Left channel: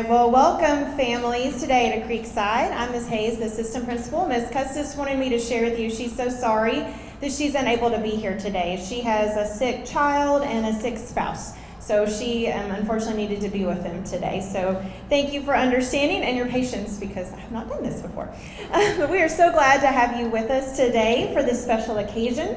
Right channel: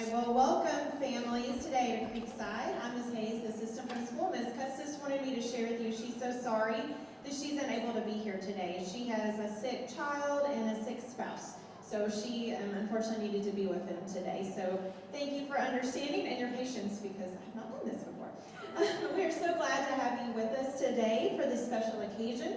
right, well, welcome families today to Creekside. I'm Ms. Hayes, the assistant principal. Ms. Custis wanted me to share with you she's so sorry that she's unable to be here today. She has a sick child and a sick spouse, so she unfortunately needed to be with them today. So thank you for understanding and your patience, because I have not done this before. But we are so glad to have you with us today for this special occasion.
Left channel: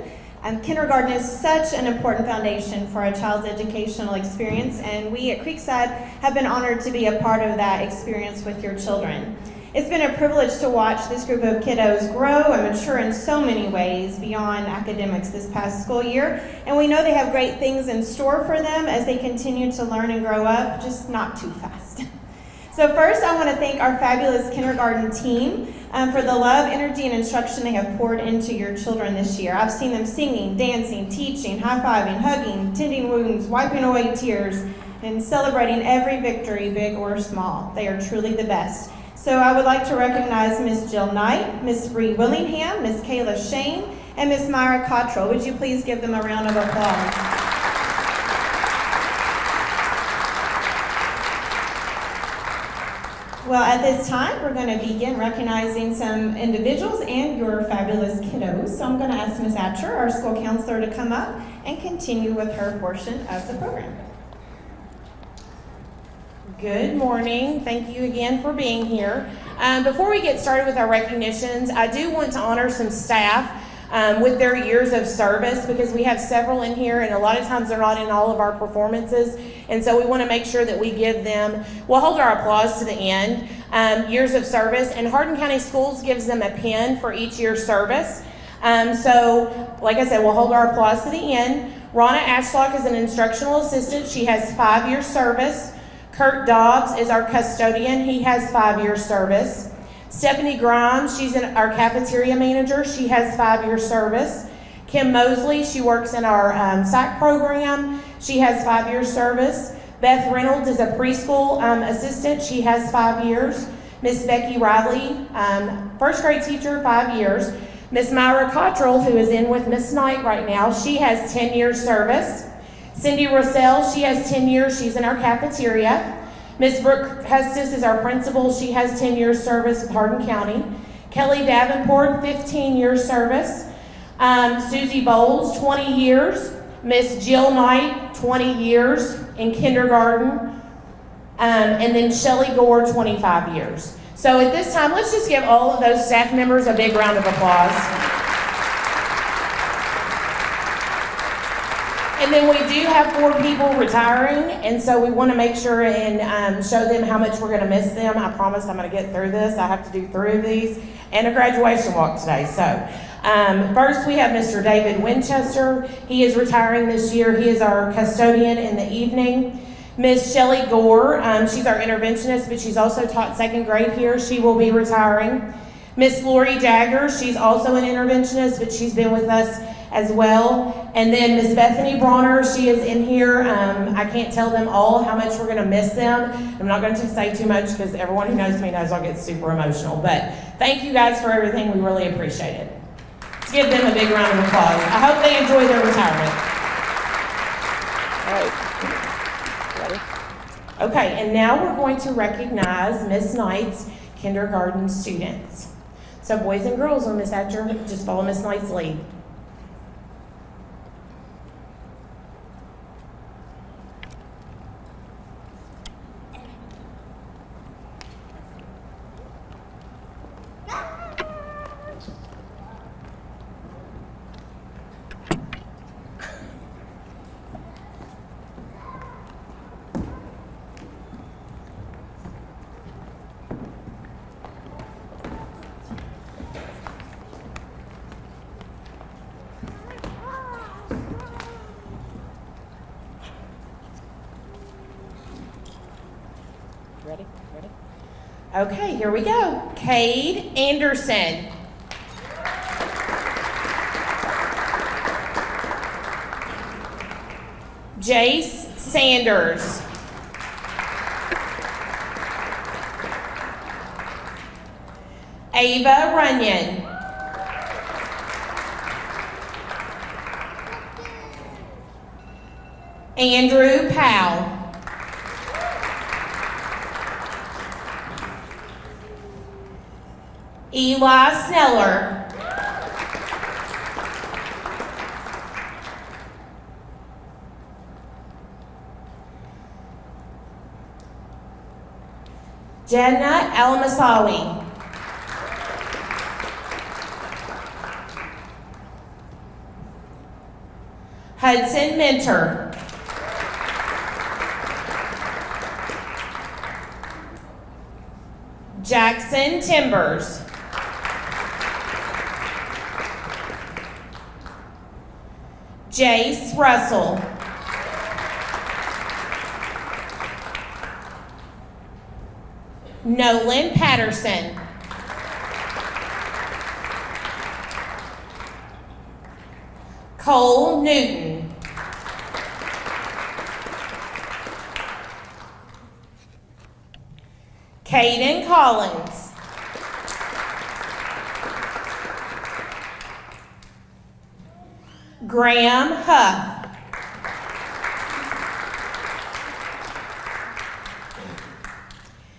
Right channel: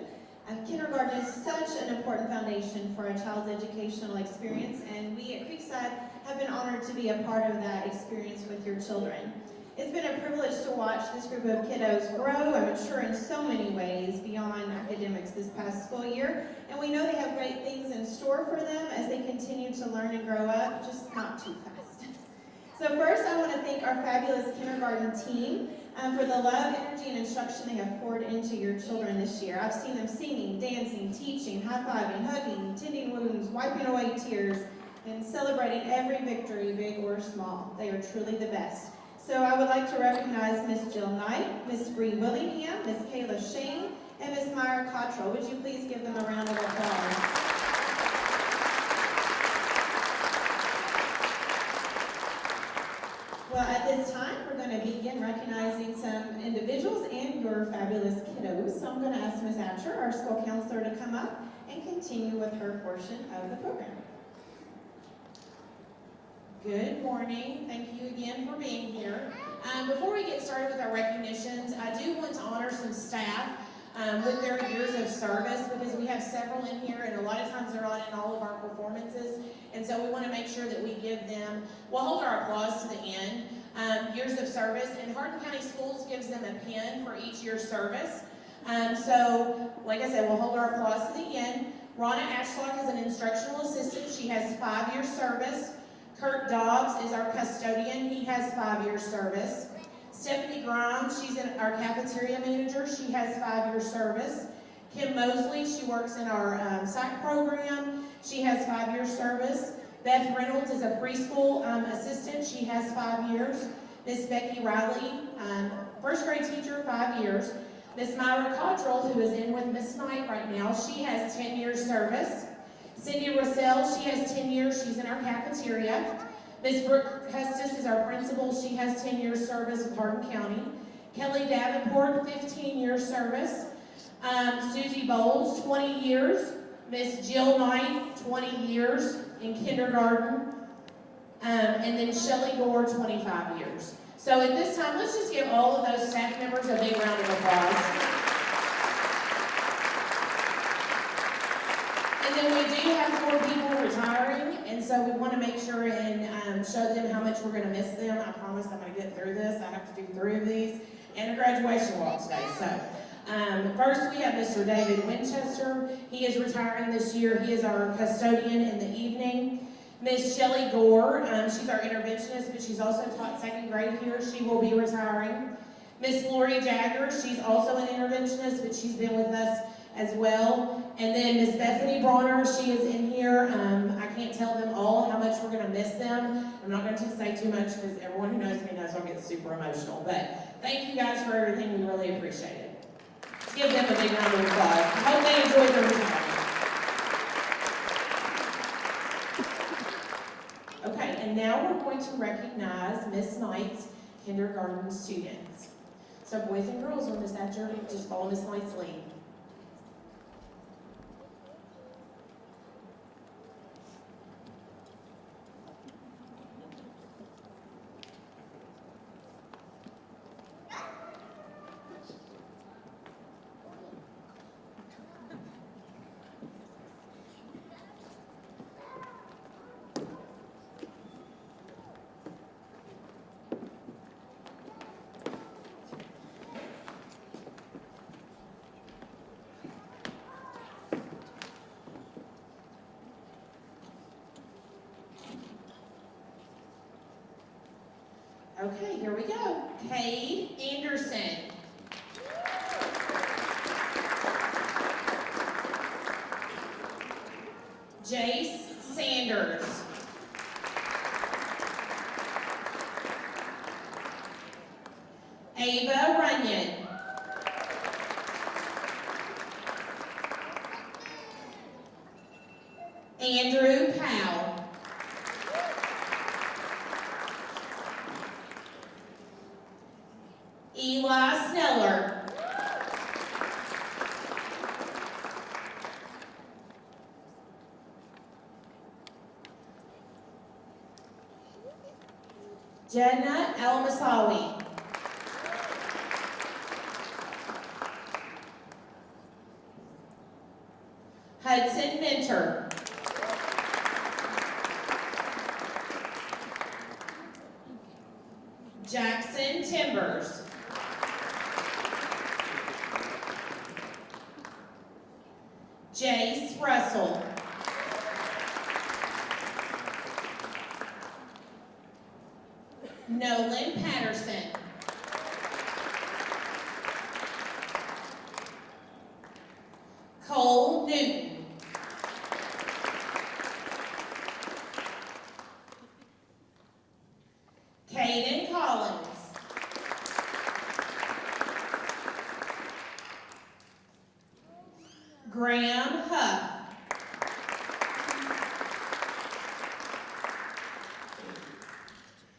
Kindergarten is such an important foundation for a child's educational experience, and we at Creekside have been honored to be a part of that experience with your children. It's been a privilege to watch this group of kiddos grow and mature in so many ways beyond academics this past school year, and we know they have great things in store for them as they continue to learn and grow up, just not too fast. So first, I want to thank our fabulous kindergarten team for the love, energy, and instruction they have poured into your children this year. I've seen them singing, dancing, teaching, high-fiving, hugging, tending wounds, wiping away tears, and celebrating every victory, big or small. They are truly the best. So I would like to recognize Miss Jill Knight, Miss Bree Willingham, Miss Kayla Shane, and Miss Myra Cottrell. Would you please give them a round of applause? Well, at this time, we're going to begin recognizing some individuals and your fabulous kiddos. So I'm going to ask Ms. Atcher, our school counselor, to come up and continue with her portion of the program. Good morning. Thank you again for being here. Before we get started with our recognitions, I do want to honor some staff with their years of service, because we have several in here, and a lot of times they're not in all of our performances, and so we want to make sure that we give them, we'll hold our applause to the end, years of service, and Hardin County Schools gives them a pin for each year's service. So, like I said, we'll hold our applause to the end. Ronna Ashlock is an instructional assistant. She has 5 years service. Kurt Dobbs is our custodian. He has 5 years service. Stephanie Grimes, she's our cafeteria manager. She has 5 years service. Kim Mosley, she works in our SAC program. She has 5 years service. Beth Reynolds is a preschool assistant. She has 5 years. Miss Becky Riley, first grade teacher, 5 years. Miss Myra Cottrell, who is in with Miss Knight right now, she has 10 years service. Cindy Rossell, she has 10 years. She's in our cafeteria. Miss Brooke Custis is our principal. She has 10 years service with Hardin County. Kelly Davenport, 15 years service. Susie Bowles, 20 years. Miss Jill Knight, 20 years in kindergarten. And then Shelley Gore, 25 years. So at this time, let's just give all of those staff members a big round of applause. And then we do have 4 people retiring, and so we want to make sure and show them how much we're going to miss them. I promise I'm going to get through this. I have to do 3 of these and a graduation walk today. So first we have Mr. David Winchester. He is retiring this year. He is our custodian in the evening. Miss Shelley Gore, she's our interventionist, but she's also taught 2nd grade here. She will be retiring. Miss Lori Jagger, she's also an interventionist, but she's been with us as well. And then Miss Bethany Bronner, she is in here. I can't tell them all how much we're going to miss them. I'm not going to say too much, because everyone who knows me knows I'll get super emotional. But thank you guys for everything. We really appreciate it. Let's give them a big round of applause. I hope they enjoy their retirement. Okay, and now we're going to recognize Miss Knight's kindergarten students. So boys and girls, on Miss Atcher, just follow Miss Knight's lead. Okay, here we go. Cade Anderson. Jace Sanders. Ava Runyon. Andrew Powell. Eli Sneller. Jenna El-Masawi. Hudson Mentor. Jackson Timbers. Jace Russell. Nolan Patterson. Cole Newton. Caden Collins. Graham Huff.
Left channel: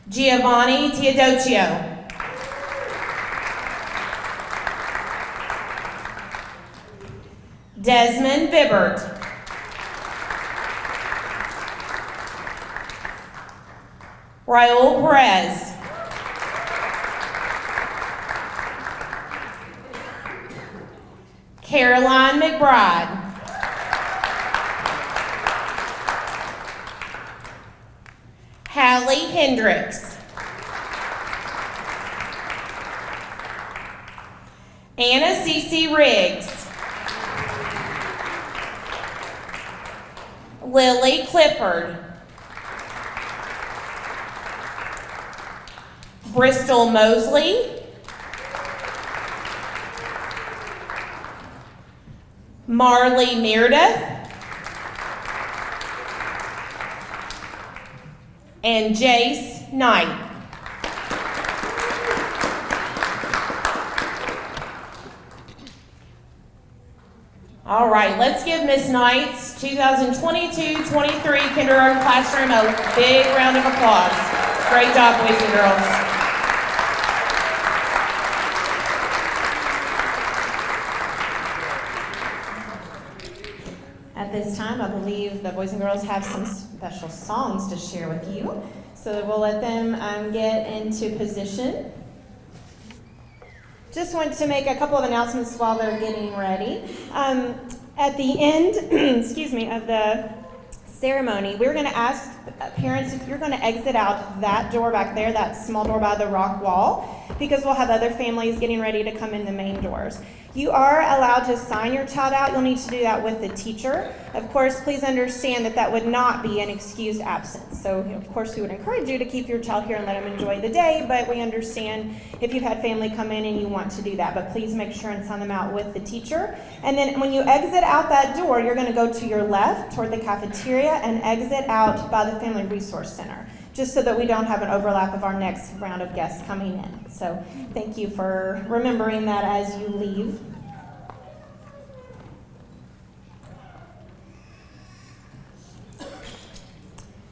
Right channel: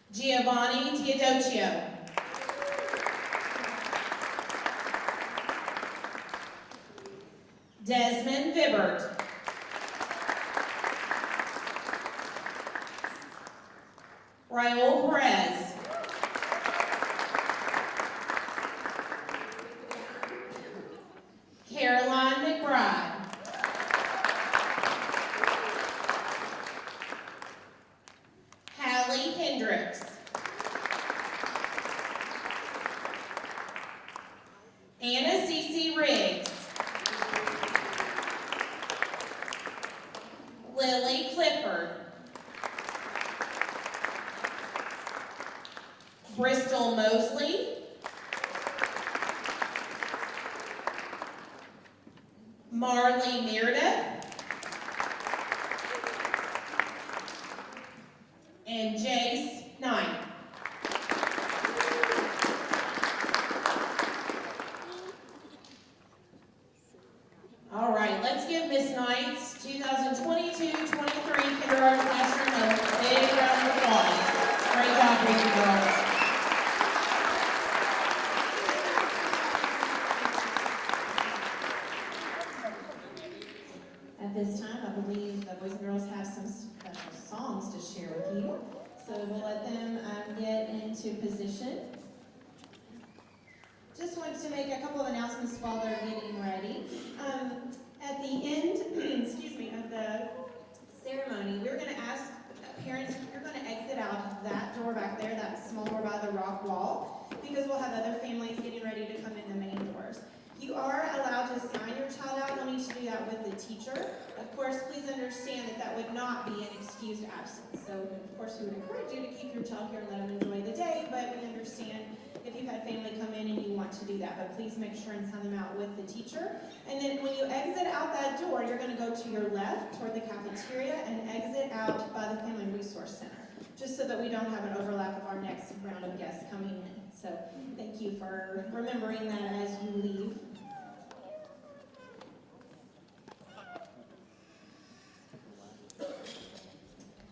Giovanni Teodosio. Desmond Bibbert. Raul Perez. Caroline McBride. Hallie Hendricks. Anna Cece Riggs. Lily Clifford. Bristol Mosley. Marley Meredith. And Jace Knight. All right, let's give Miss Knight's 2022-23 kindergarten classroom a big round of applause. Great job, boys and girls. At this time, I believe the boys and girls have some special songs to share with you. So we'll let them get into position. Just want to make a couple of announcements while they're getting ready. At the end, excuse me, of the ceremony, we're going to ask parents if you're going to exit out that door back there, that small door by the rock wall, because we'll have other families getting ready to come in the main doors. You are allowed to sign your child out. You'll need to do that with the teacher. Of course, please understand that that would not be an excused absence. So, of course, we would encourage you to keep your child here and let them enjoy the day, but we understand if you've had family come in and you want to do that. But please make sure and sign them out with the teacher. And then when you exit out that door, you're going to go to your left toward the cafeteria and exit out by the Family Resource Center, just so that we don't have an overlap of our next round of guests coming in. So thank you for remembering that as you leave.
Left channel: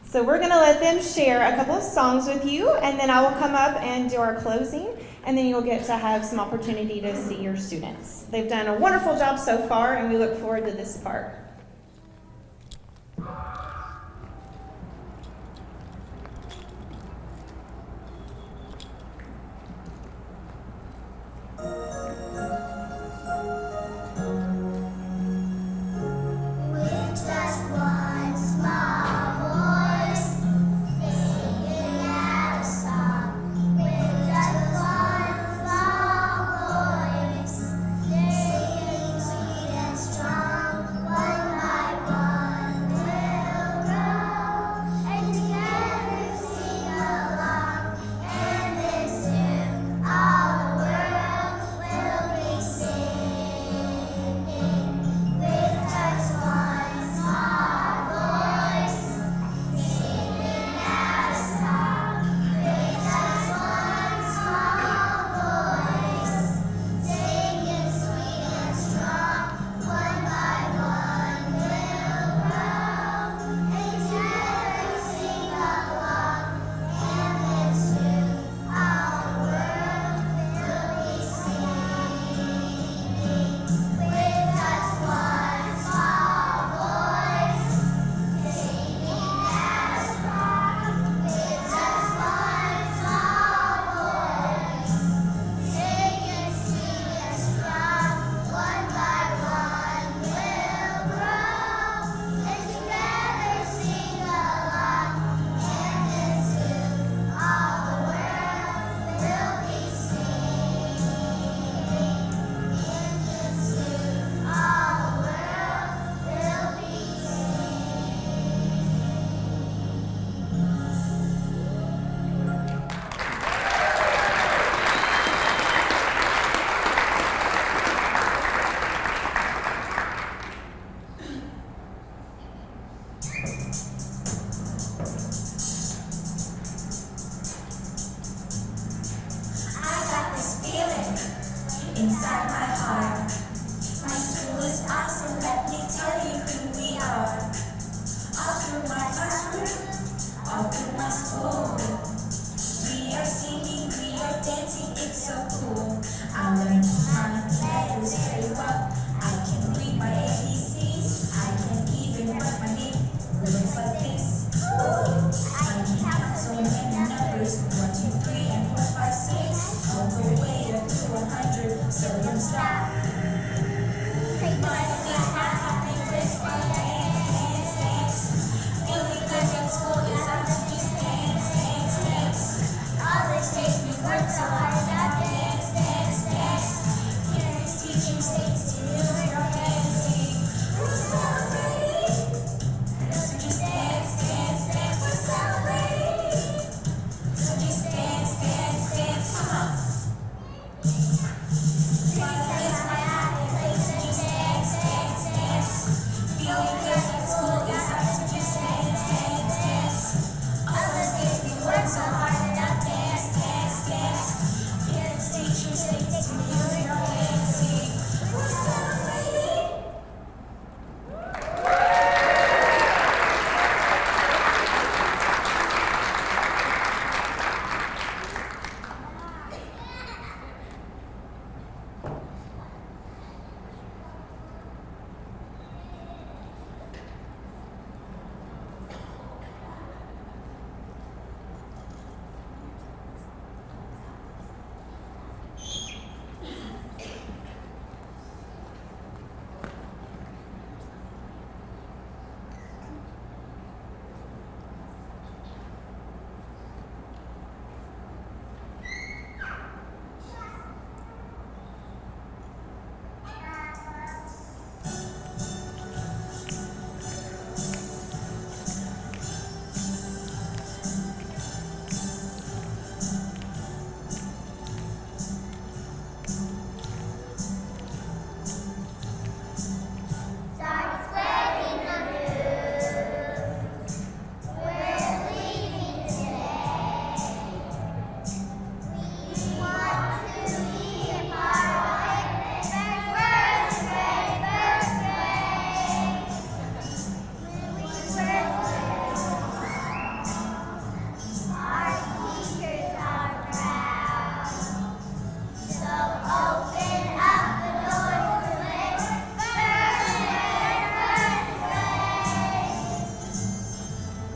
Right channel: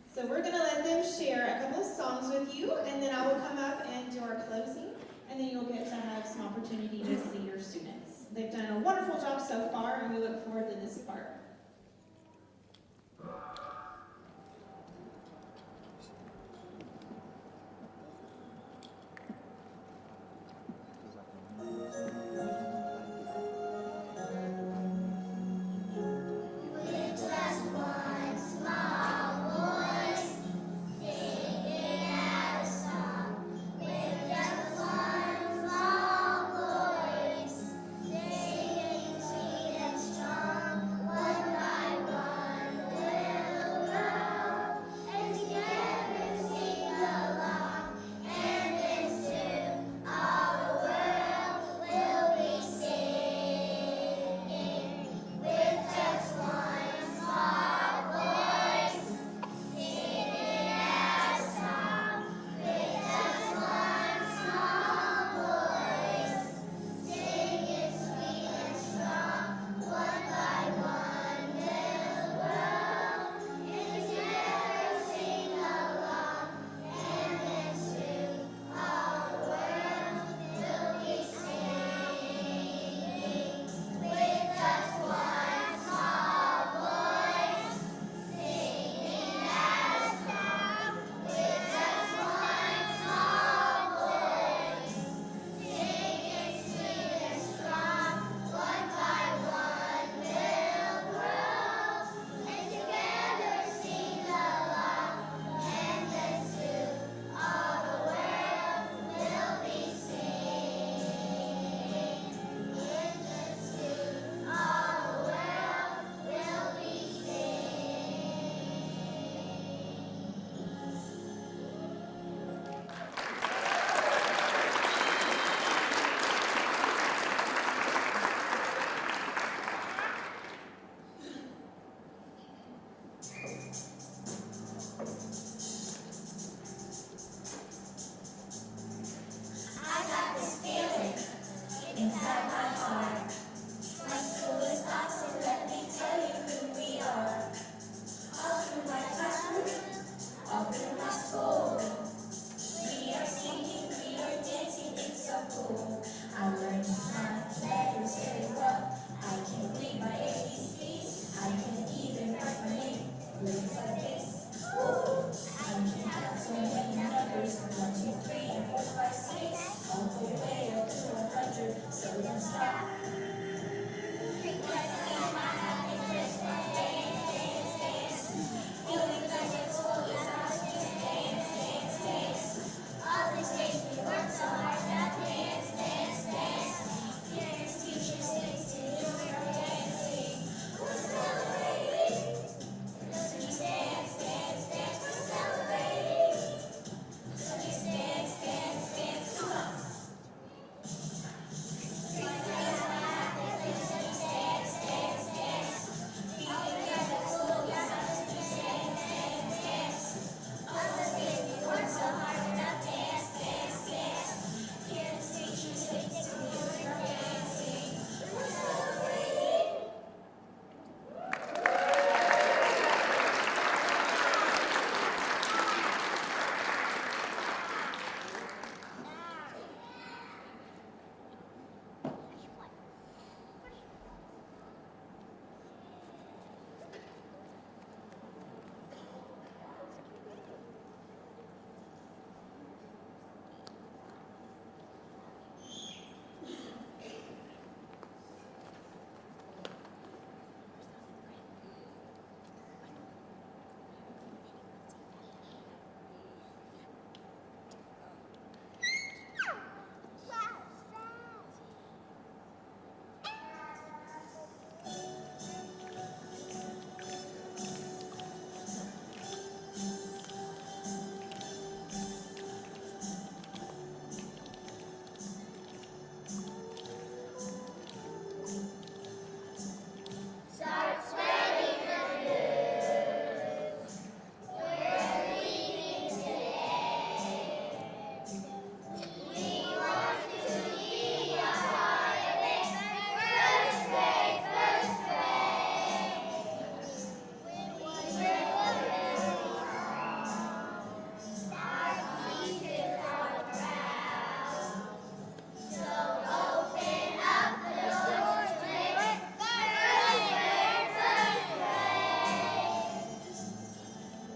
So we're going to let them share a couple of songs with you, and then I will come up and do our closing, and then you'll get to have some opportunity to see your students. They've done a wonderful job so far, and we look forward to this part. Strong, one at my heart. My school is awesome, let me tell you who we are. All through my classroom, all through my school. We are singing, we are dancing, it's so cool. I learned my letters very well. I can read my ABCs, I can even write my name. Looks like this. Ooh, I can count so many numbers. 1, 2, 3, and 4, 5, 6. All the way up to 100. So don't stop. My feet happy, crisp, dance, dance, dance. Feeling like at school is out to just dance, dance, dance. All these days we work so hard, now dance, dance, dance. Parents, teachers, saints, students, are dancing. We're celebrating. So just dance, dance, dance. We're celebrating. So just dance, dance, dance. Come on. Life is my happy place. So just dance, dance, dance. Feeling good at school is out to just dance, dance, dance. All the days we work so hard, now dance, dance, dance. Parents, teachers, saints, students, are dancing. We're celebrating. Start spreading the news. We're leaving today. We want to be a part of it. First grade, first grade. We work our teachers are proud. So open up the doors to make first grade, first grade.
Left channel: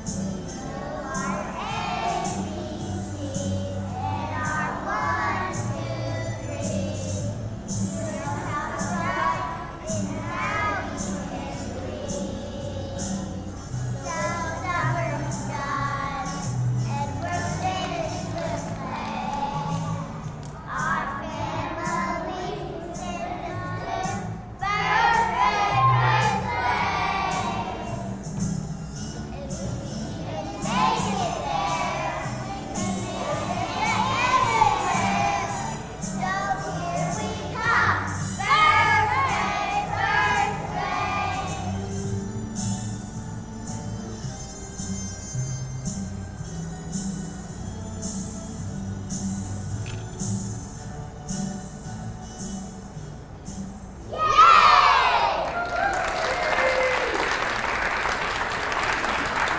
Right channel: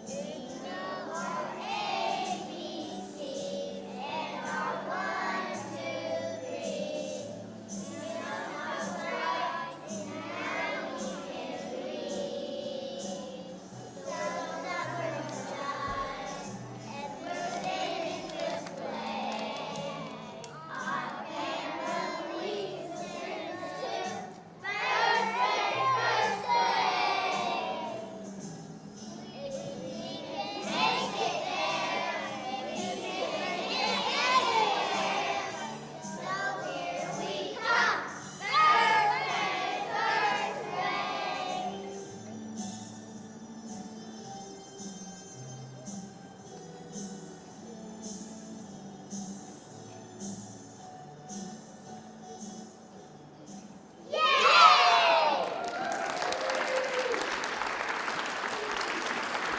We know our ABC and our 1, 2, 3. We know how to write and how we can read. So summer's done and we're finished with play. Our family sends us to first grade, first grade. If we can make it there, we can make it anywhere. So here we come, first grade, first grade.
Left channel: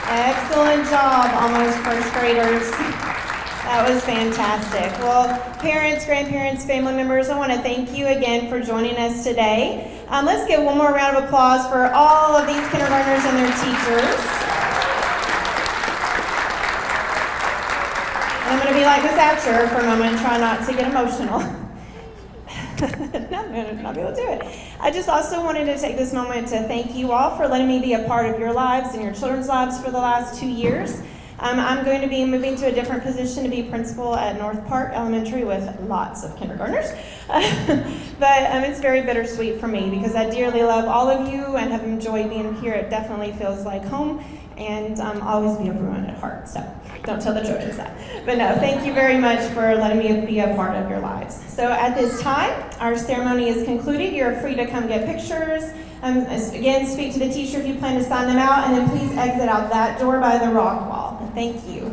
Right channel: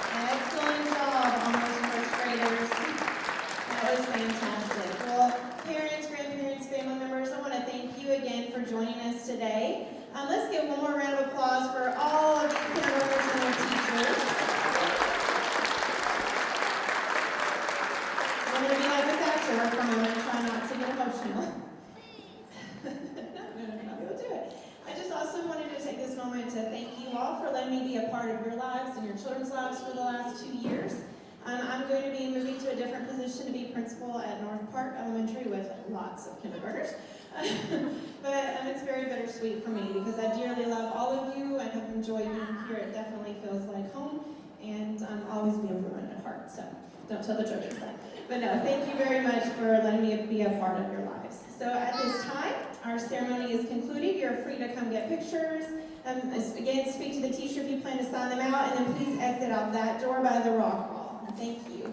Excellent job, almost first graders. That was fantastic. Well, parents, grandparents, family members, I want to thank you again for joining us today. Let's give one more round of applause for all of these kindergartners and their teachers. And I'm going to be like Miss Atcher for a moment and try not to get emotional. Not be able to do it. I just also wanted to take this moment to thank you all for letting me be a part of your lives and your children's lives for the last 2 years. I'm going to be moving to a different position to be principal at North Park Elementary with lots of kindergartners. But it's very bittersweet for me because I dearly love all of you and have enjoyed being here. It definitely feels like home, and I'll always be a Bruin at heart. So don't tell the Trojans that. But no, thank you very much for letting me be a part of your lives. So at this time, our ceremony is concluded. You're free to come get pictures. Again, speak to the teacher if you plan to sign them out, and then please exit out that door by the rock wall. Thank you.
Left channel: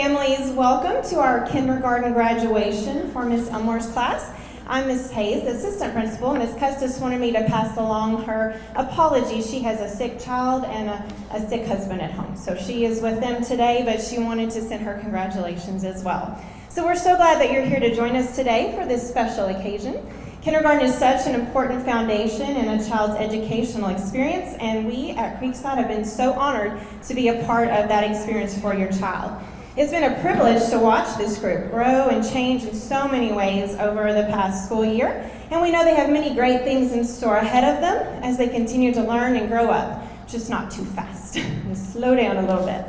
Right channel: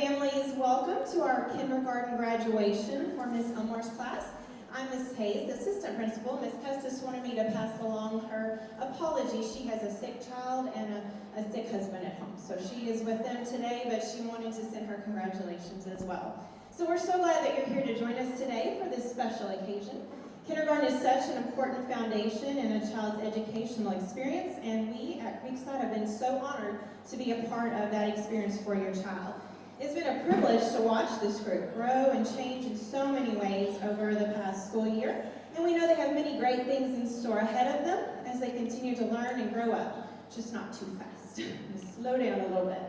families, welcome to our kindergarten graduation for Miss Elmore's class. I'm Miss Hayes, the assistant principal. Miss Custis wanted me to pass along her apologies. She has a sick child and a sick husband at home. So she is with them today, but she wanted to send her congratulations as well. So we're so glad that you're here to join us today for this special occasion. Kindergarten is such an important foundation in a child's educational experience, and we at Creekside have been so honored to be a part of that experience for your child. It's been a privilege to watch this group grow and change in so many ways over the past school year, and we know they have many great things in store ahead of them as they continue to learn and grow up, just not too fast. Just slow down a little bit.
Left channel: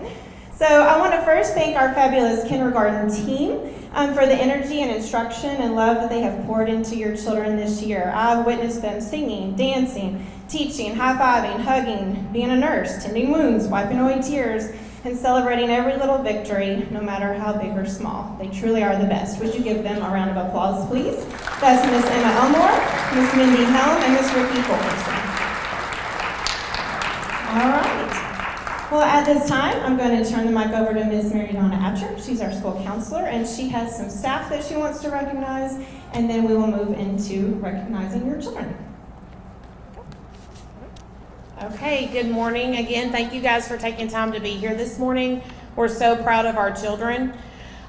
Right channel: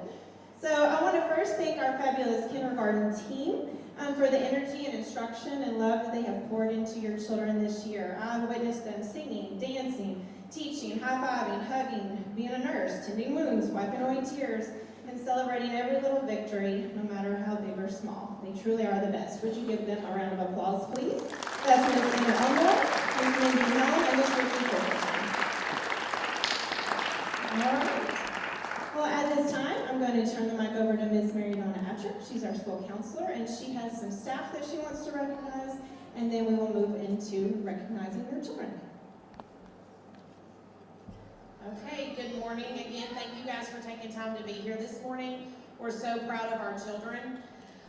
So I want to first thank our fabulous kindergarten team for the energy and instruction and love that they have poured into your children this year. I've witnessed them singing, dancing, teaching, high-fiving, hugging, being a nurse, tending wounds, wiping away tears, and celebrating every little victory, no matter how big or small. They truly are the best. Would you give them a round of applause, please? That's Miss Emma Elmore, Miss Mindy Helm, and Miss Ricky Fulkerson. All right. Well, at this time, I'm going to turn the mic over to Ms. Mary Donna Atcher. She's our school counselor, and she has some staff that she wants to recognize, and then we will move into recognizing your children. Okay, good morning again. Thank you guys for taking time to be here this morning. We're so proud of our children.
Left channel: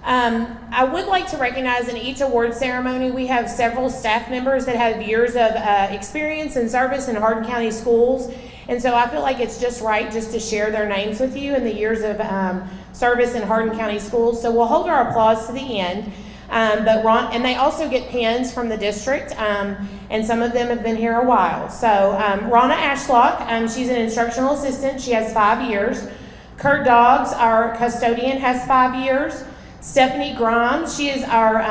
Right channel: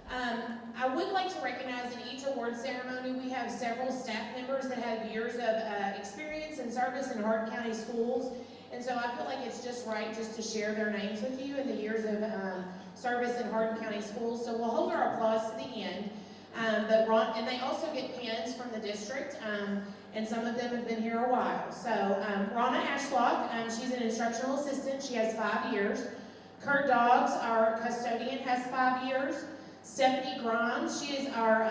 I would like to recognize in each award ceremony, we have several staff members that have years of experience and service in Hardin County schools. And so I feel like it's just right just to share their names with you and the years of service in Hardin County schools. So we'll hold our applause to the end. And they also get pins from the district, and some of them have been here a while. So Ronna Ashlock, she's an instructional assistant. She has 5 years. Kurt Doggs, our custodian, has 5 years. Stephanie Grimes, she is our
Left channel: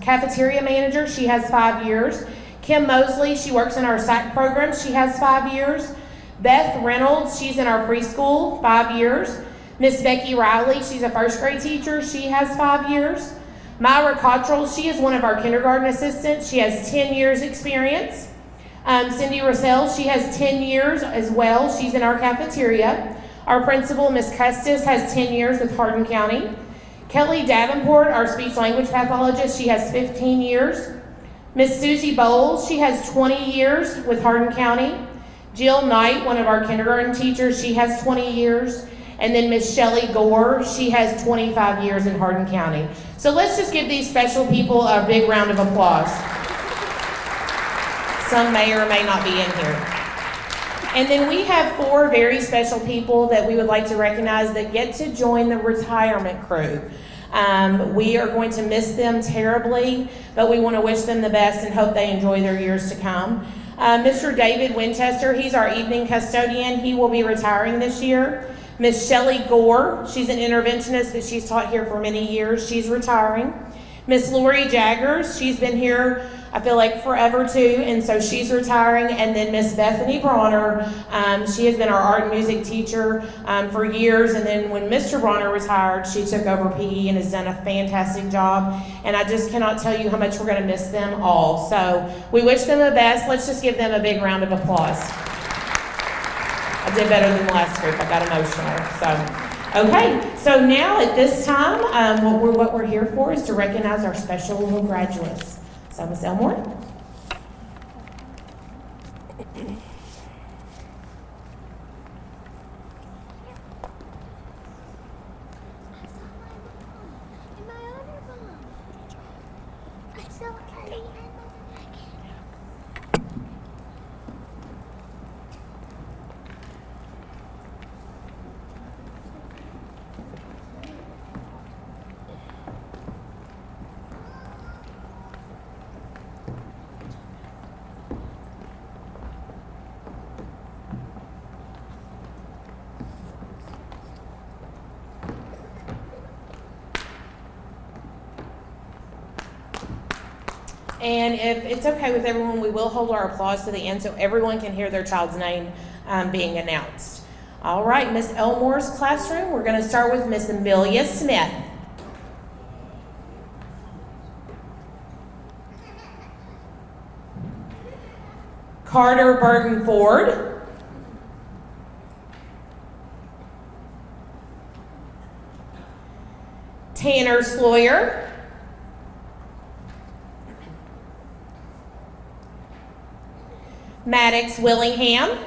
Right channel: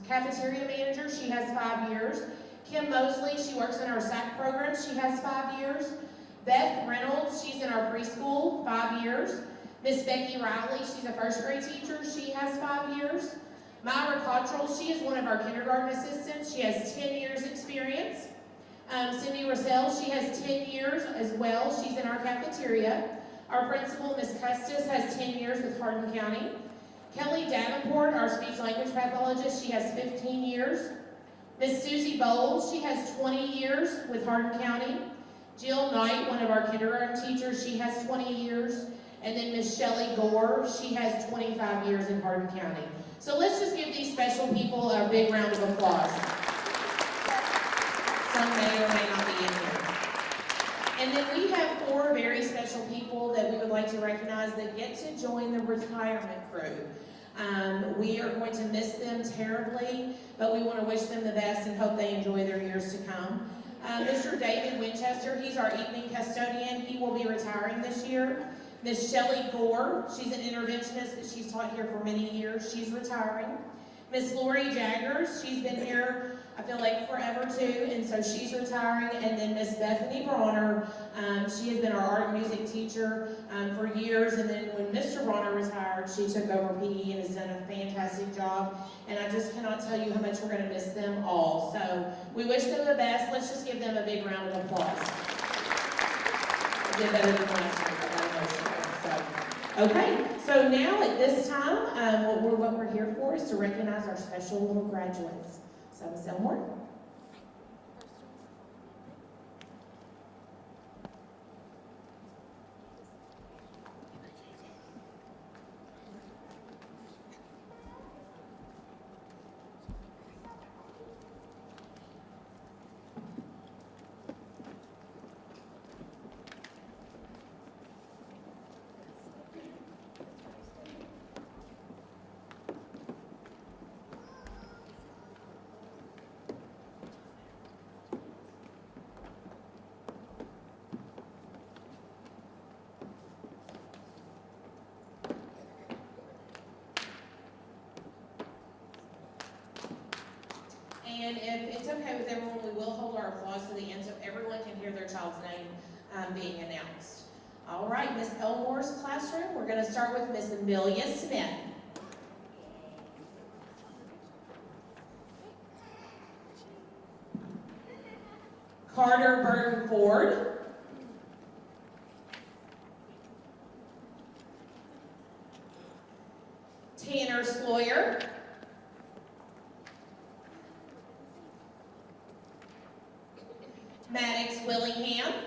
cafeteria manager. She has 5 years. Kim Mosley, she works in our SAC program. She has 5 years. Beth Reynolds, she's in our preschool, 5 years. Miss Becky Riley, she's a first grade teacher. She has 5 years. Myra Cottrell, she is one of our kindergarten assistants. She has 10 years experience. Cindy Russell, she has 10 years as well. She's in our cafeteria. Our principal, Miss Custis, has 10 years with Hardin County. Kelly Davenport, our speech language pathologist, she has 15 years. Miss Susie Bowles, she has 20 years with Hardin County. Jill Knight, one of our kindergarten teachers, she has 20 years. And then Miss Shelley Gore, she has 25 years in Hardin County. So let's just give these special people a big round of applause. Some may or may not be in here. And then we have 4 very special people that we would like to recognize that get to join the retirement crew. We are going to miss them terribly, but we want to wish them the best and hope they enjoy their years to come. Mr. David Winchester, he's our evening custodian. He will be retiring this year. Miss Shelley Gore, she's an interventionist, but she's taught here for many years. She's retiring. Miss Lori Jaggers, she's been here, I feel like, forever too, and so she's retiring. And then Miss Bethany Bronner, she has been our art and music teacher for years, and then when Mr. Bronner retired, she took over PE and has done a fantastic job, and I just cannot tell you how much we're going to miss them all. So we wish them the best. Let's just give them a big round of applause. I did better than the last group. I got emotional. So, okay. So now at this time, what we're here for is to recognize our special little graduates. So, Miss Elmore. And if it's okay with everyone, we will hold our applause to the end so everyone can hear their child's name being announced. All right, Miss Elmore's classroom, we're going to start with Miss Amelia Smith. Carter Burton Ford. Tanner Sloyer, Maddox Willingham,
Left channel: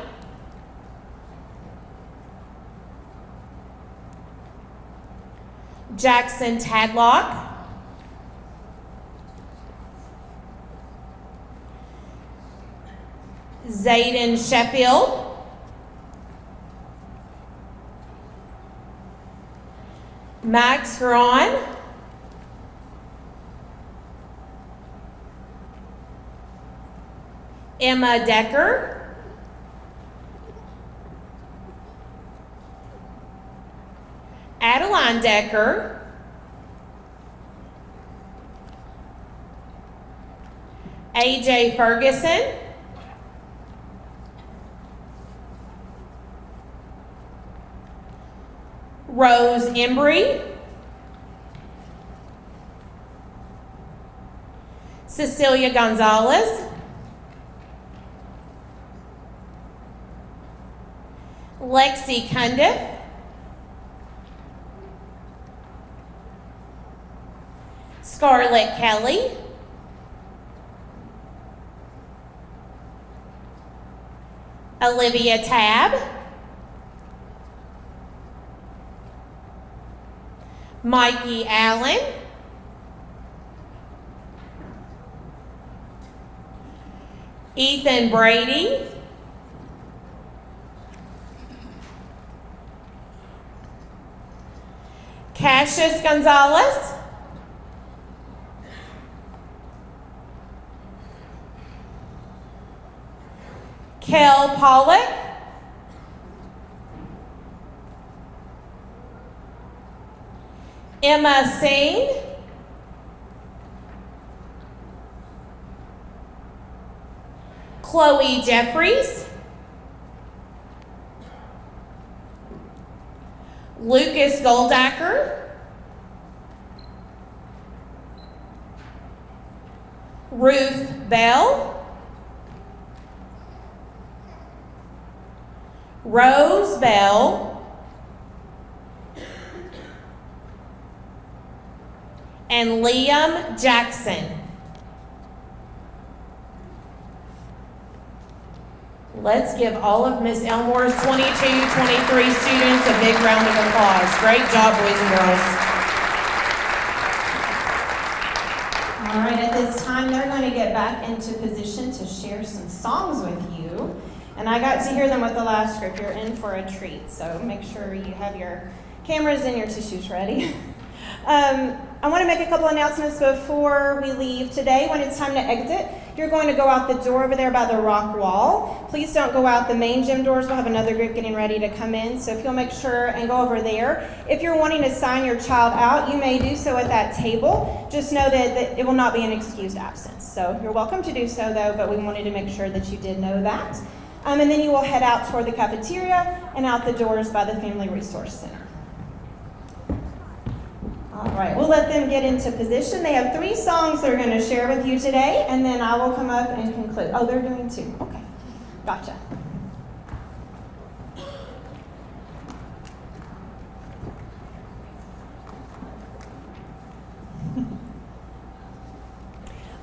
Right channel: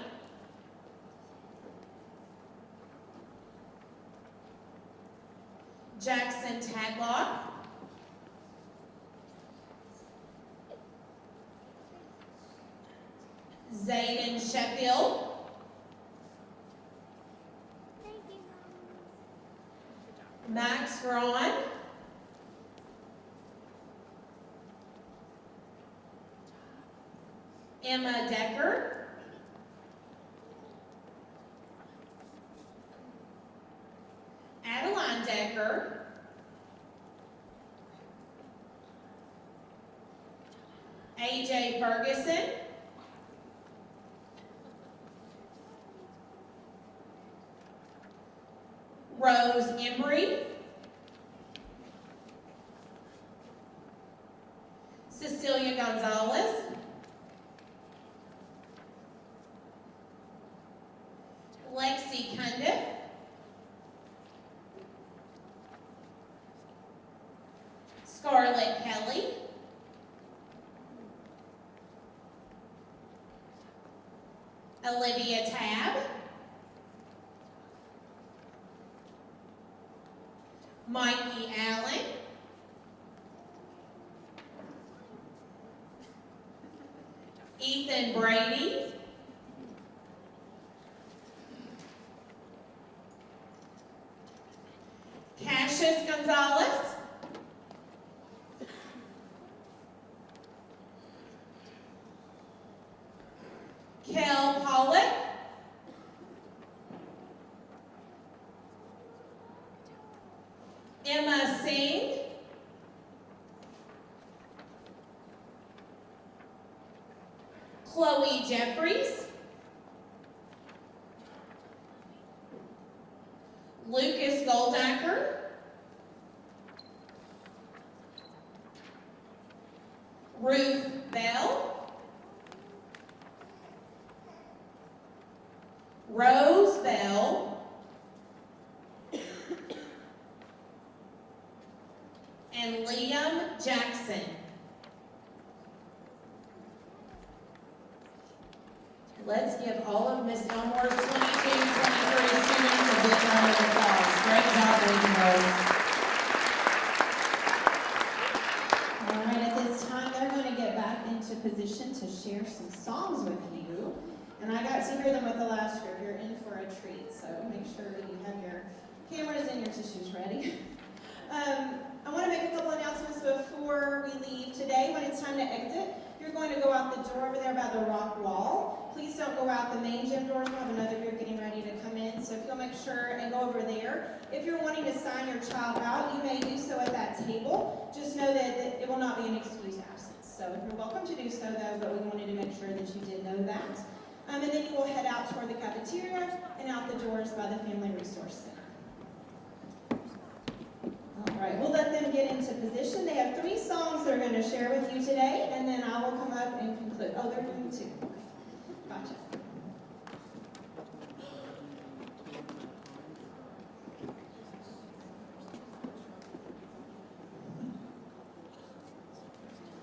Jackson Tadlock, Zayden Sheffield, Max Huron, Emma Decker, Adeline Decker, AJ Ferguson, Rose Embry, Cecilia Gonzalez, Lexi Cundiff, Scarlett Kelly, Olivia Tabb, Mikey Allen, Ethan Brady, Cassius Gonzalez, Kel Pollock, Emma Singh, Chloe Jeffries, Lucas Goldacker, Ruth Bell, Rose Bell, and Liam Jackson. Let's give all of Miss Elmore's 22-23 students a big round of applause. Great job, boys and girls. All right, at this time, they're going to get back into position to share some songs with you. And I got to hear them with the last script. You're in for a treat, so make sure you have your cameras and your tissues ready. I want to make a couple announcements before we leave today. When it's time to exit, you're going to go out the door over there by the rock wall. Please don't go out the main gym doors. We'll have another group getting ready to come in, so if you'll make sure and go over there. If you're wanting to sign your child out, you may do so at that table. Just know that it will not be an excused absence. So you're welcome to do so, though, but we wanted to make sure that you did know that. And then you will head out toward the cafeteria and out the doors by the Family Resource Center. All right, we'll let them get into position. They have 3 songs they're going to share with you today, and then I will come up and conclude. Oh, they're doing 2. Okay, gotcha.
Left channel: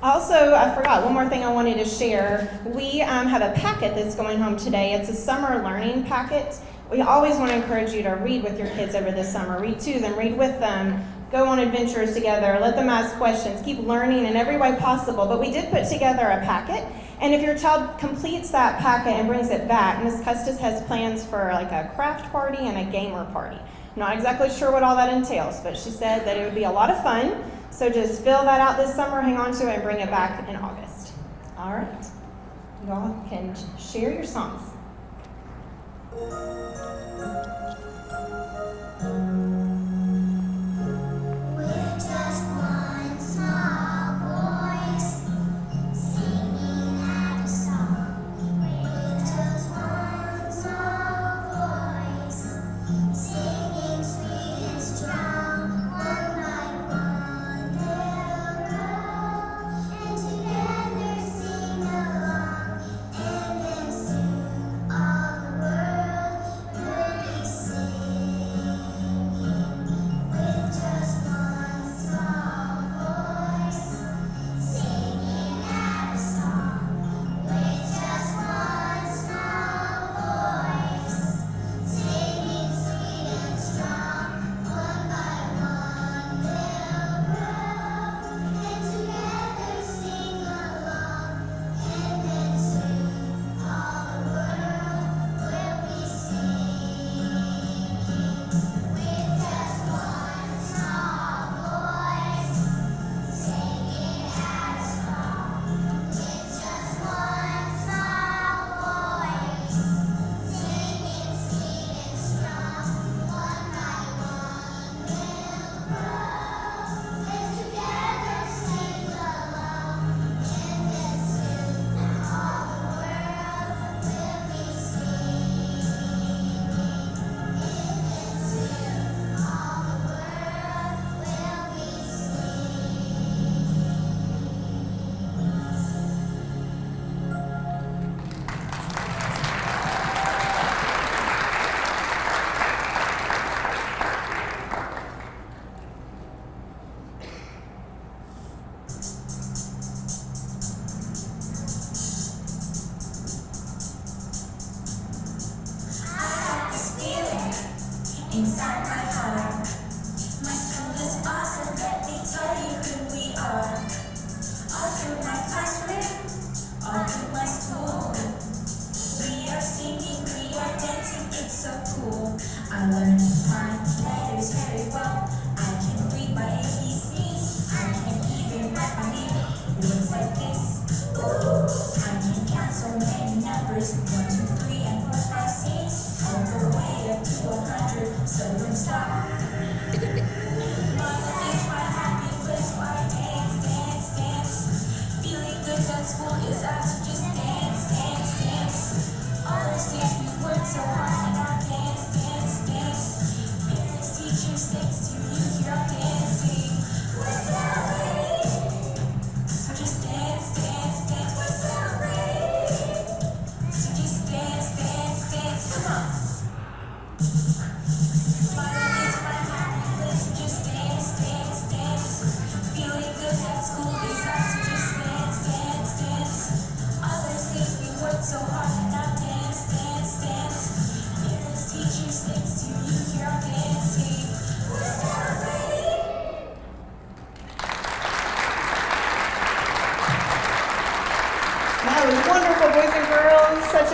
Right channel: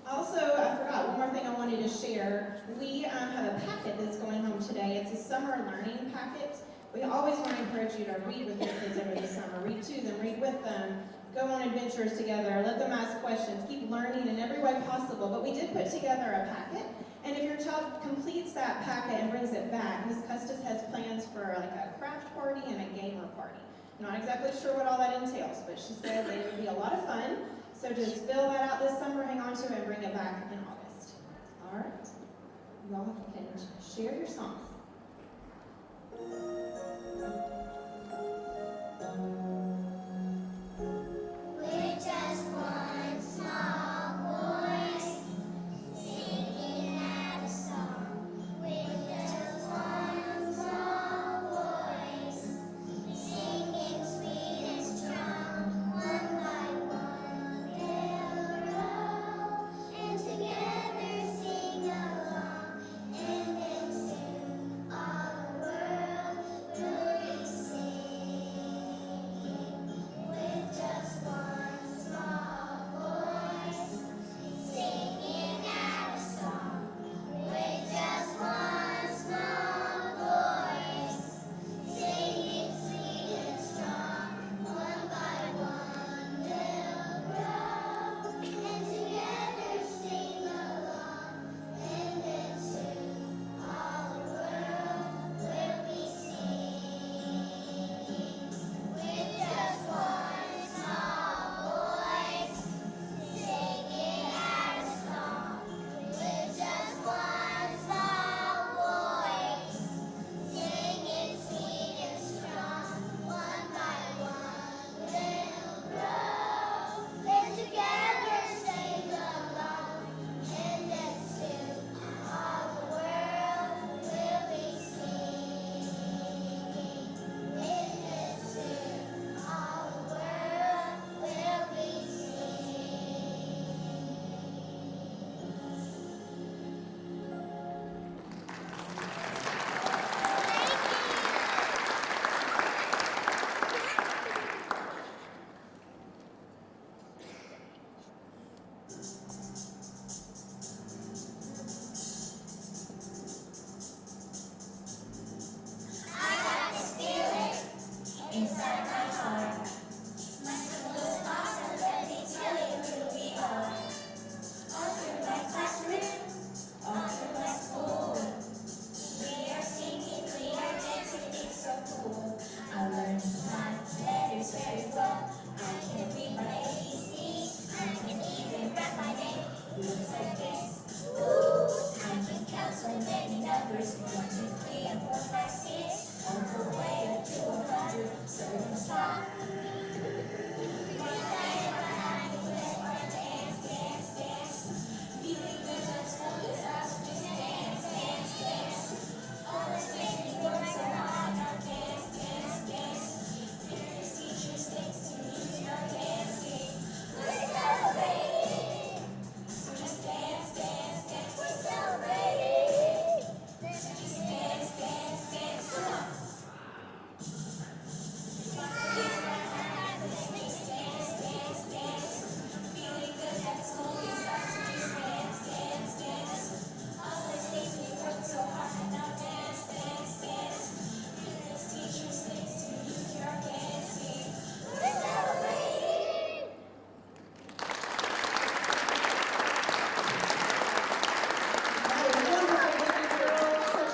Also, I forgot one more thing I wanted to share. We have a packet that's going home today. It's a summer learning packet. We always want to encourage you to read with your kids over the summer. Read to them, read with them, go on adventures together, let them ask questions, keep learning in every way possible. But we did put together a packet, and if your child completes that packet and brings it back, Ms. Custis has plans for like a craft party and a gamer party. I'm not exactly sure what all that entails, but she said that it would be a lot of fun. So just fill that out this summer, hang on to it, and bring it back in August. All right, you all can share your songs. We're just one small voice singing out a song. We're just one small voice singing sweet and strong. One by one they'll grow, and together sing along. And then soon all the world will be singing.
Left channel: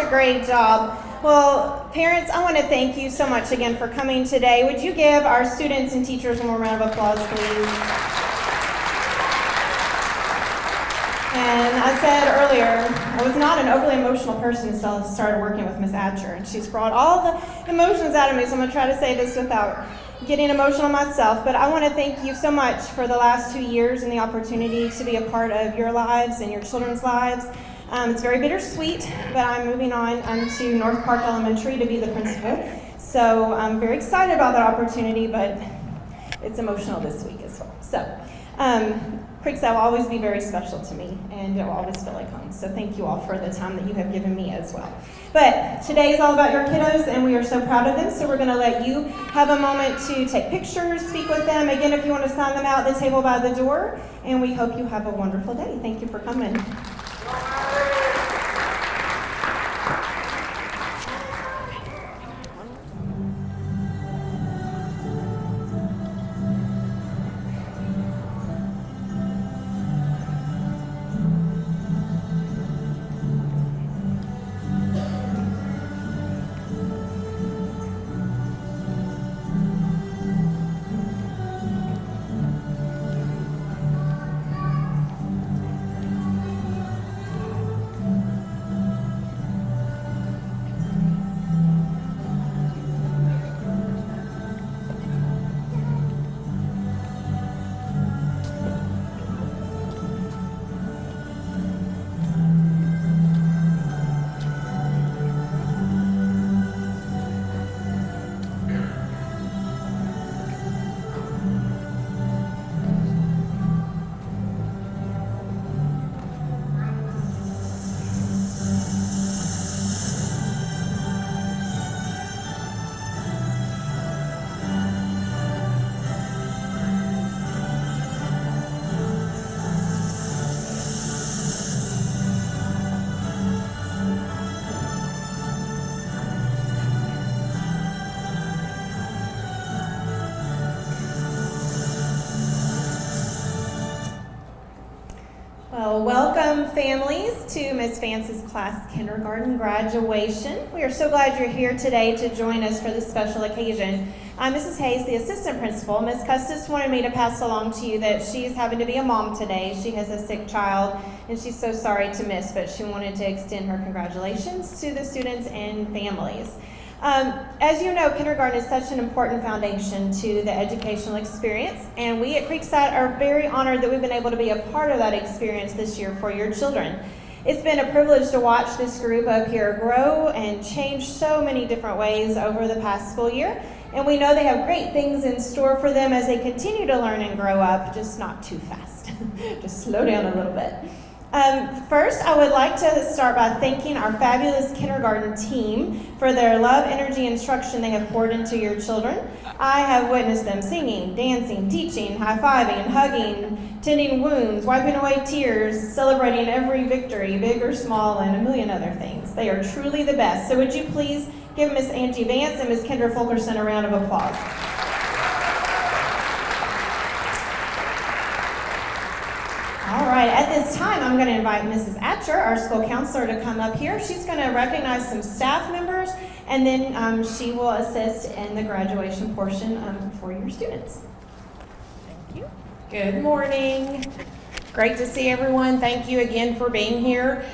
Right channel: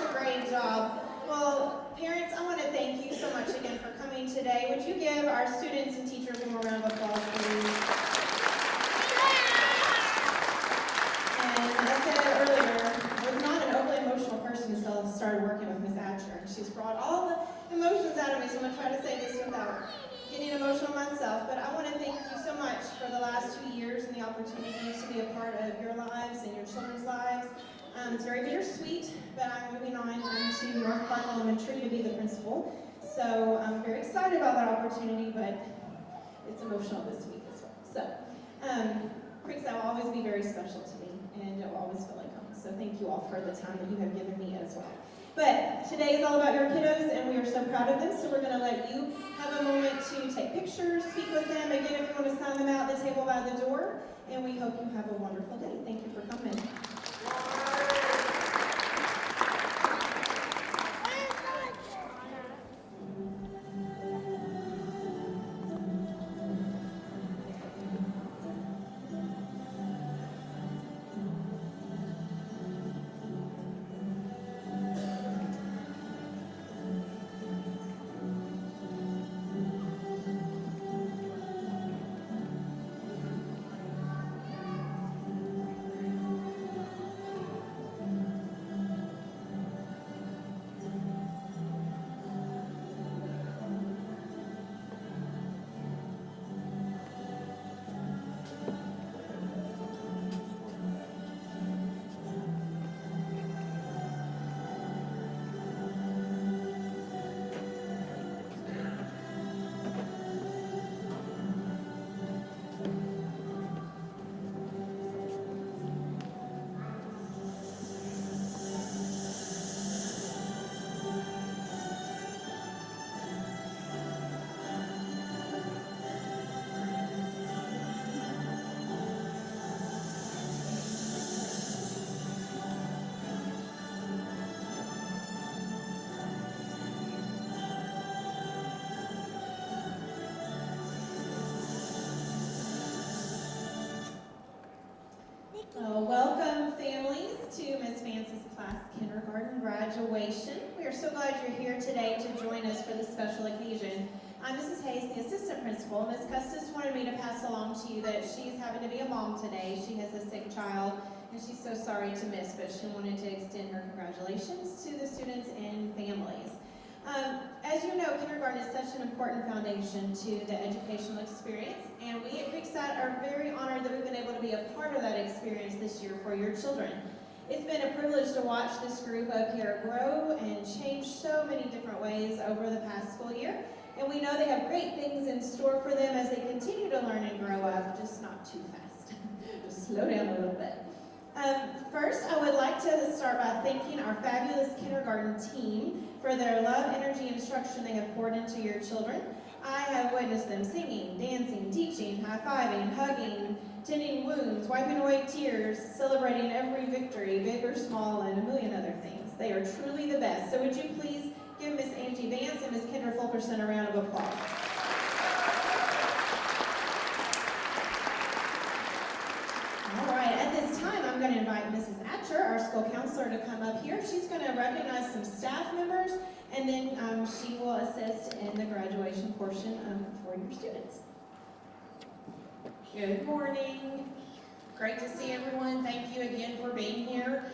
a great job. Well, parents, I want to thank you so much again for coming today. Would you give our students and teachers one more round of applause, please? And I said earlier, I was not an overly emotional person until I started working with Ms. Atcher, and she's brought all the emotions out of me, so I'm going to try to say this without getting emotional myself. But I want to thank you so much for the last 2 years and the opportunity to be a part of your lives and your children's lives. It's very bittersweet, but I'm moving on to North Park Elementary to be the principal. So I'm very excited about that opportunity, but it's emotional this week as well. So Creekside will always be very special to me, and it will always feel like home. So thank you all for the time that you have given me as well. But today is all about your kiddos, and we are so proud of them. So we're going to let you have a moment to take pictures, speak with them. Again, if you want to sign them out at the table by the door, and we hope you have a wonderful day. Thank you for coming. Well, welcome families to Ms. Vance's class kindergarten graduation. We are so glad you're here today to join us for this special occasion. I'm Mrs. Hayes, the assistant principal. Ms. Custis wanted me to pass along to you that she is having to be a mom today. She has a sick child, and she's so sorry to miss, but she wanted to extend her congratulations to the students and families. As you know, kindergarten is such an important foundation to the educational experience, and we at Creekside are very honored that we've been able to be a part of that experience this year for your children. It's been a privilege to watch this group up here grow and change so many different ways over the past school year, and we know they have great things in store for them as they continue to learn and grow up, just not too fast. Just slow down a little bit. First, I would like to start by thanking our fabulous kindergarten team for their love, energy, and instruction they have poured into your children. I have witnessed them singing, dancing, teaching, high-fiving, hugging, tending wounds, wiping away tears, celebrating every victory, big or small, and a million other things. They are truly the best. So would you please give Miss Angie Vance and Miss Kendra Fulkerson a round of applause. All right, at this time, I'm going to invite Mrs. Atcher, our school counselor, to come up here. She's going to recognize some staff members, and then she will assist in the graduation portion for your students. Thank you. Good morning. Great to see everyone. Thank you again for being here.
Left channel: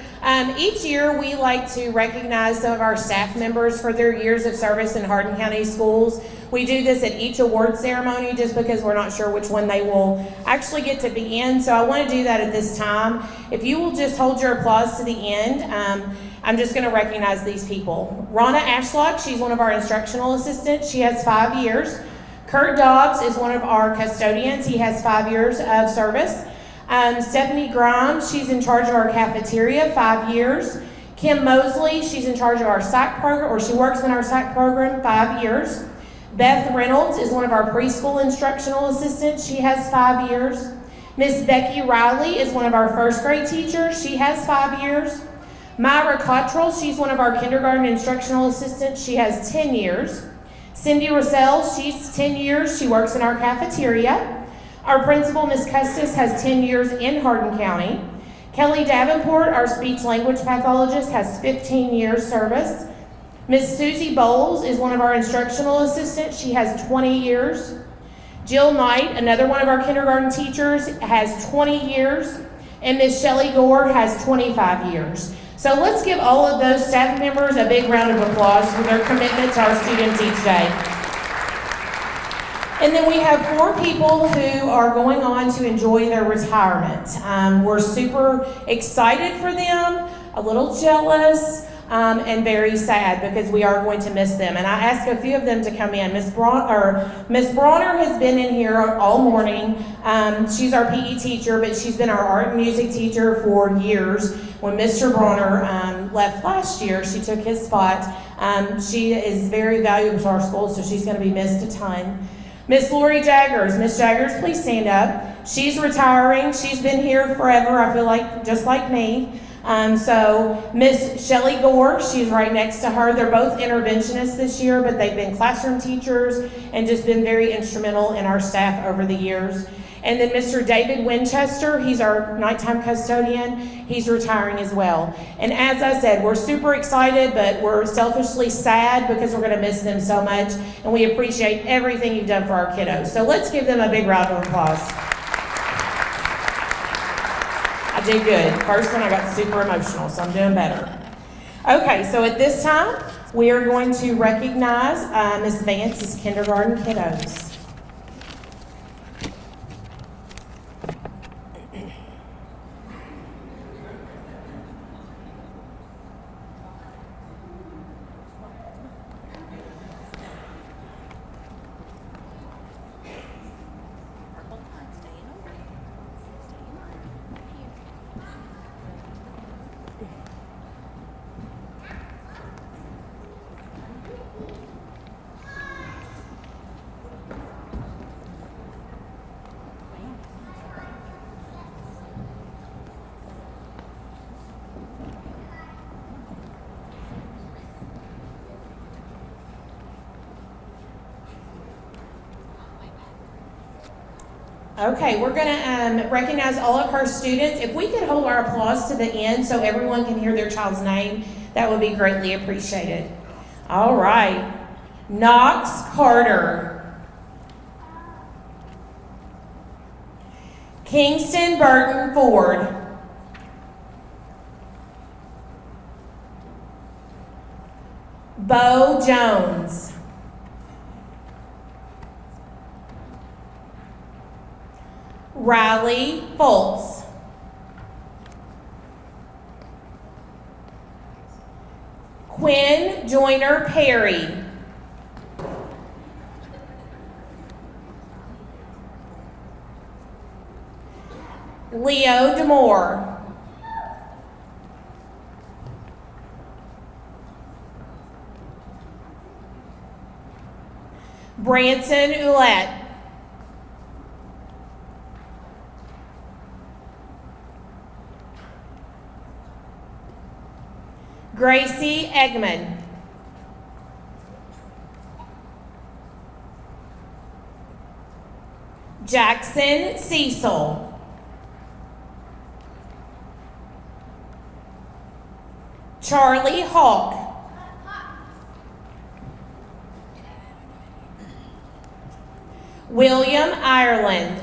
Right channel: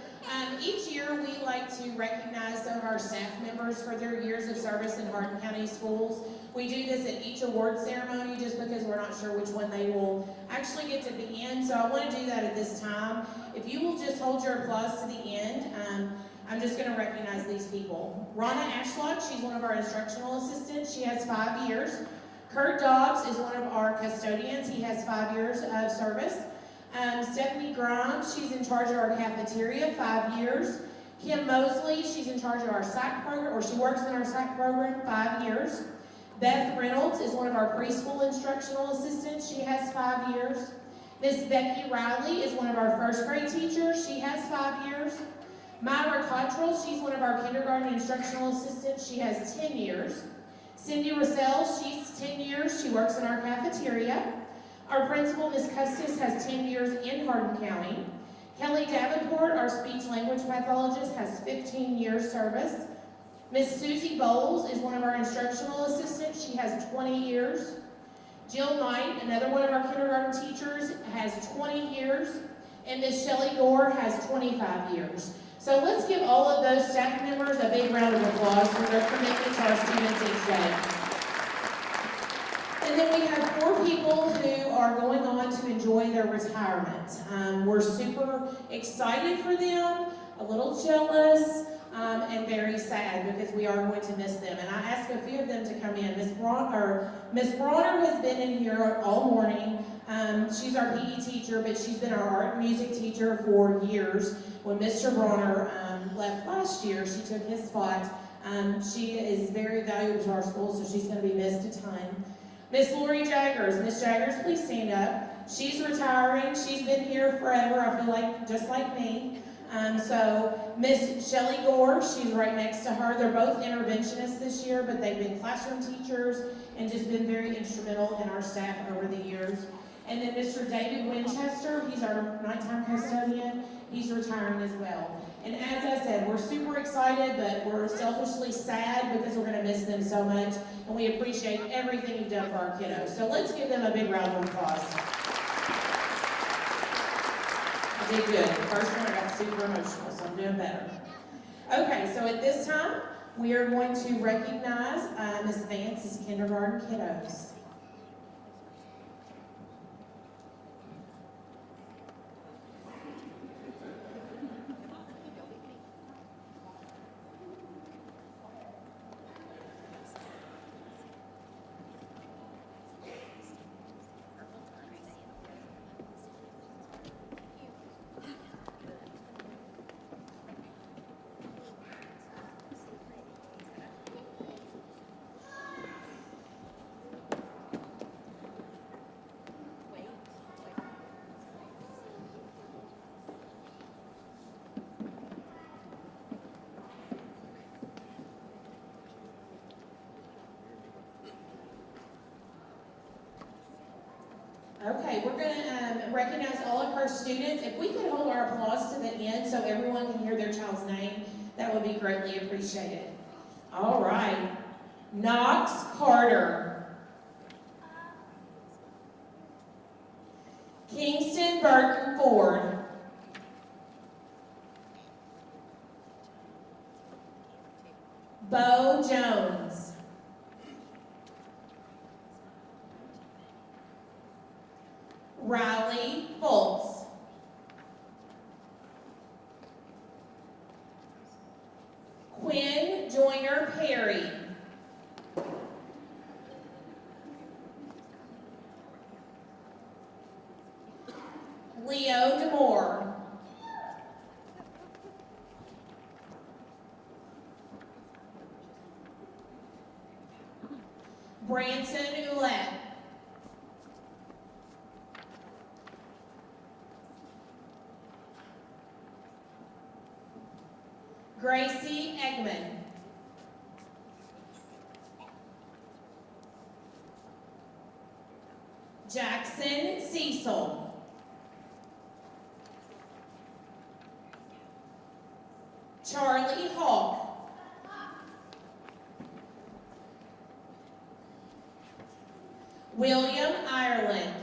Each year, we like to recognize some of our staff members for their years of service in Hardin County Schools. We do this at each award ceremony just because we're not sure which one they will actually get to be in. So I want to do that at this time. If you will just hold your applause to the end, I'm just going to recognize these people. Ronna Ashlock, she's one of our instructional assistants. She has 5 years. Kurt Dobbs is one of our custodians. He has 5 years of service. Stephanie Grimes, she's in charge of our cafeteria, 5 years. Kim Mosley, she's in charge of our psych program, or she works in our psych program, 5 years. Beth Reynolds is one of our preschool instructional assistants. She has 5 years. Miss Becky Riley is one of our first grade teachers. She has 5 years. Myra Cottrell, she's one of our kindergarten instructional assistants. She has 10 years. Cindy Russell, she's 10 years. She works in our cafeteria. Our principal, Miss Custis, has 10 years in Hardin County. Kelly Davenport, our speech language pathologist, has 15 years service. Miss Susie Bowles is one of our instructional assistants. She has 20 years. Jill Knight, another one of our kindergarten teachers, has 20 years. And Miss Shelley Gore has 25 years. So let's give all of those staff members a big round of applause for their commitment to our students each day. And then we have 4 people who are going on to enjoy their retirement. We're super excited for them, a little jealous, and very sad because we are going to miss them. And I asked a few of them to come in. Miss Bronner has been in here all morning. She's our PE teacher, but she's been our art and music teacher for years. When Mr. Bronner left last year, she took his spot. She is very valuable to our school, so she's going to be missed a ton. Miss Lori Jaggers. Miss Jaggers, please stand up. She's retiring. She's been here forever, I feel like, just like me. So Miss Shelley Gore, she's right next to her. They're both interventionists this year, but they've been classroom teachers and just been very instrumental in our staff over the years. And then Mr. David Winchester, he's our nighttime custodian. He's retiring as well. And as I said, we're super excited, but we're selfishly sad because we're going to miss them so much. And we appreciate everything you've done for our kiddos. So let's give them a big round of applause. I did good. First one I got super emotional, so I'm doing better. Okay, so at this time, we are going to recognize Ms. Vance's kindergarten kiddos. Okay, we're going to recognize all of our students. If we could hold our applause to the end so everyone can hear their child's name, that would be greatly appreciated. All right. Knox Carter. Kingston Burton Ford. Bo Jones. Riley Foltz. Quinn Joyner Perry. Leo DeMore. Branson Ouellette. Gracie Eggman. Jackson Cecil. Charlie Hawk. William Ireland.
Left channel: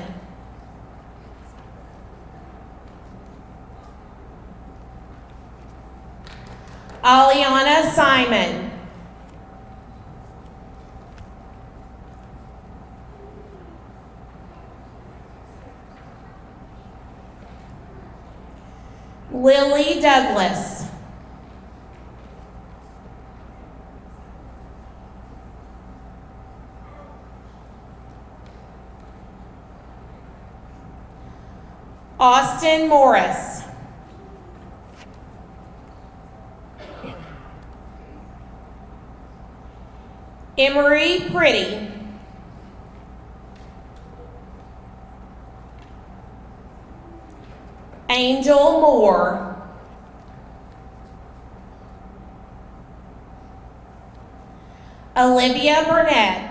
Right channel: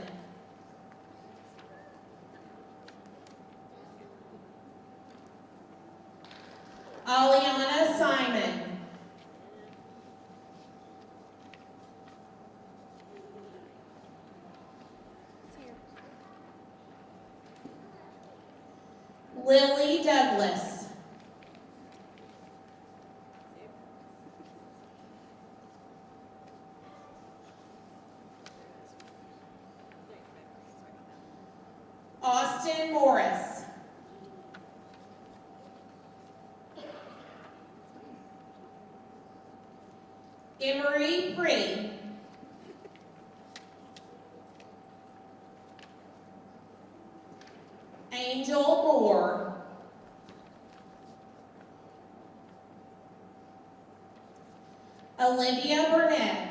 Aliana Simon. Lily Douglas. Austin Morris. Emery Pretty. Angel Moore. Olivia Burnett.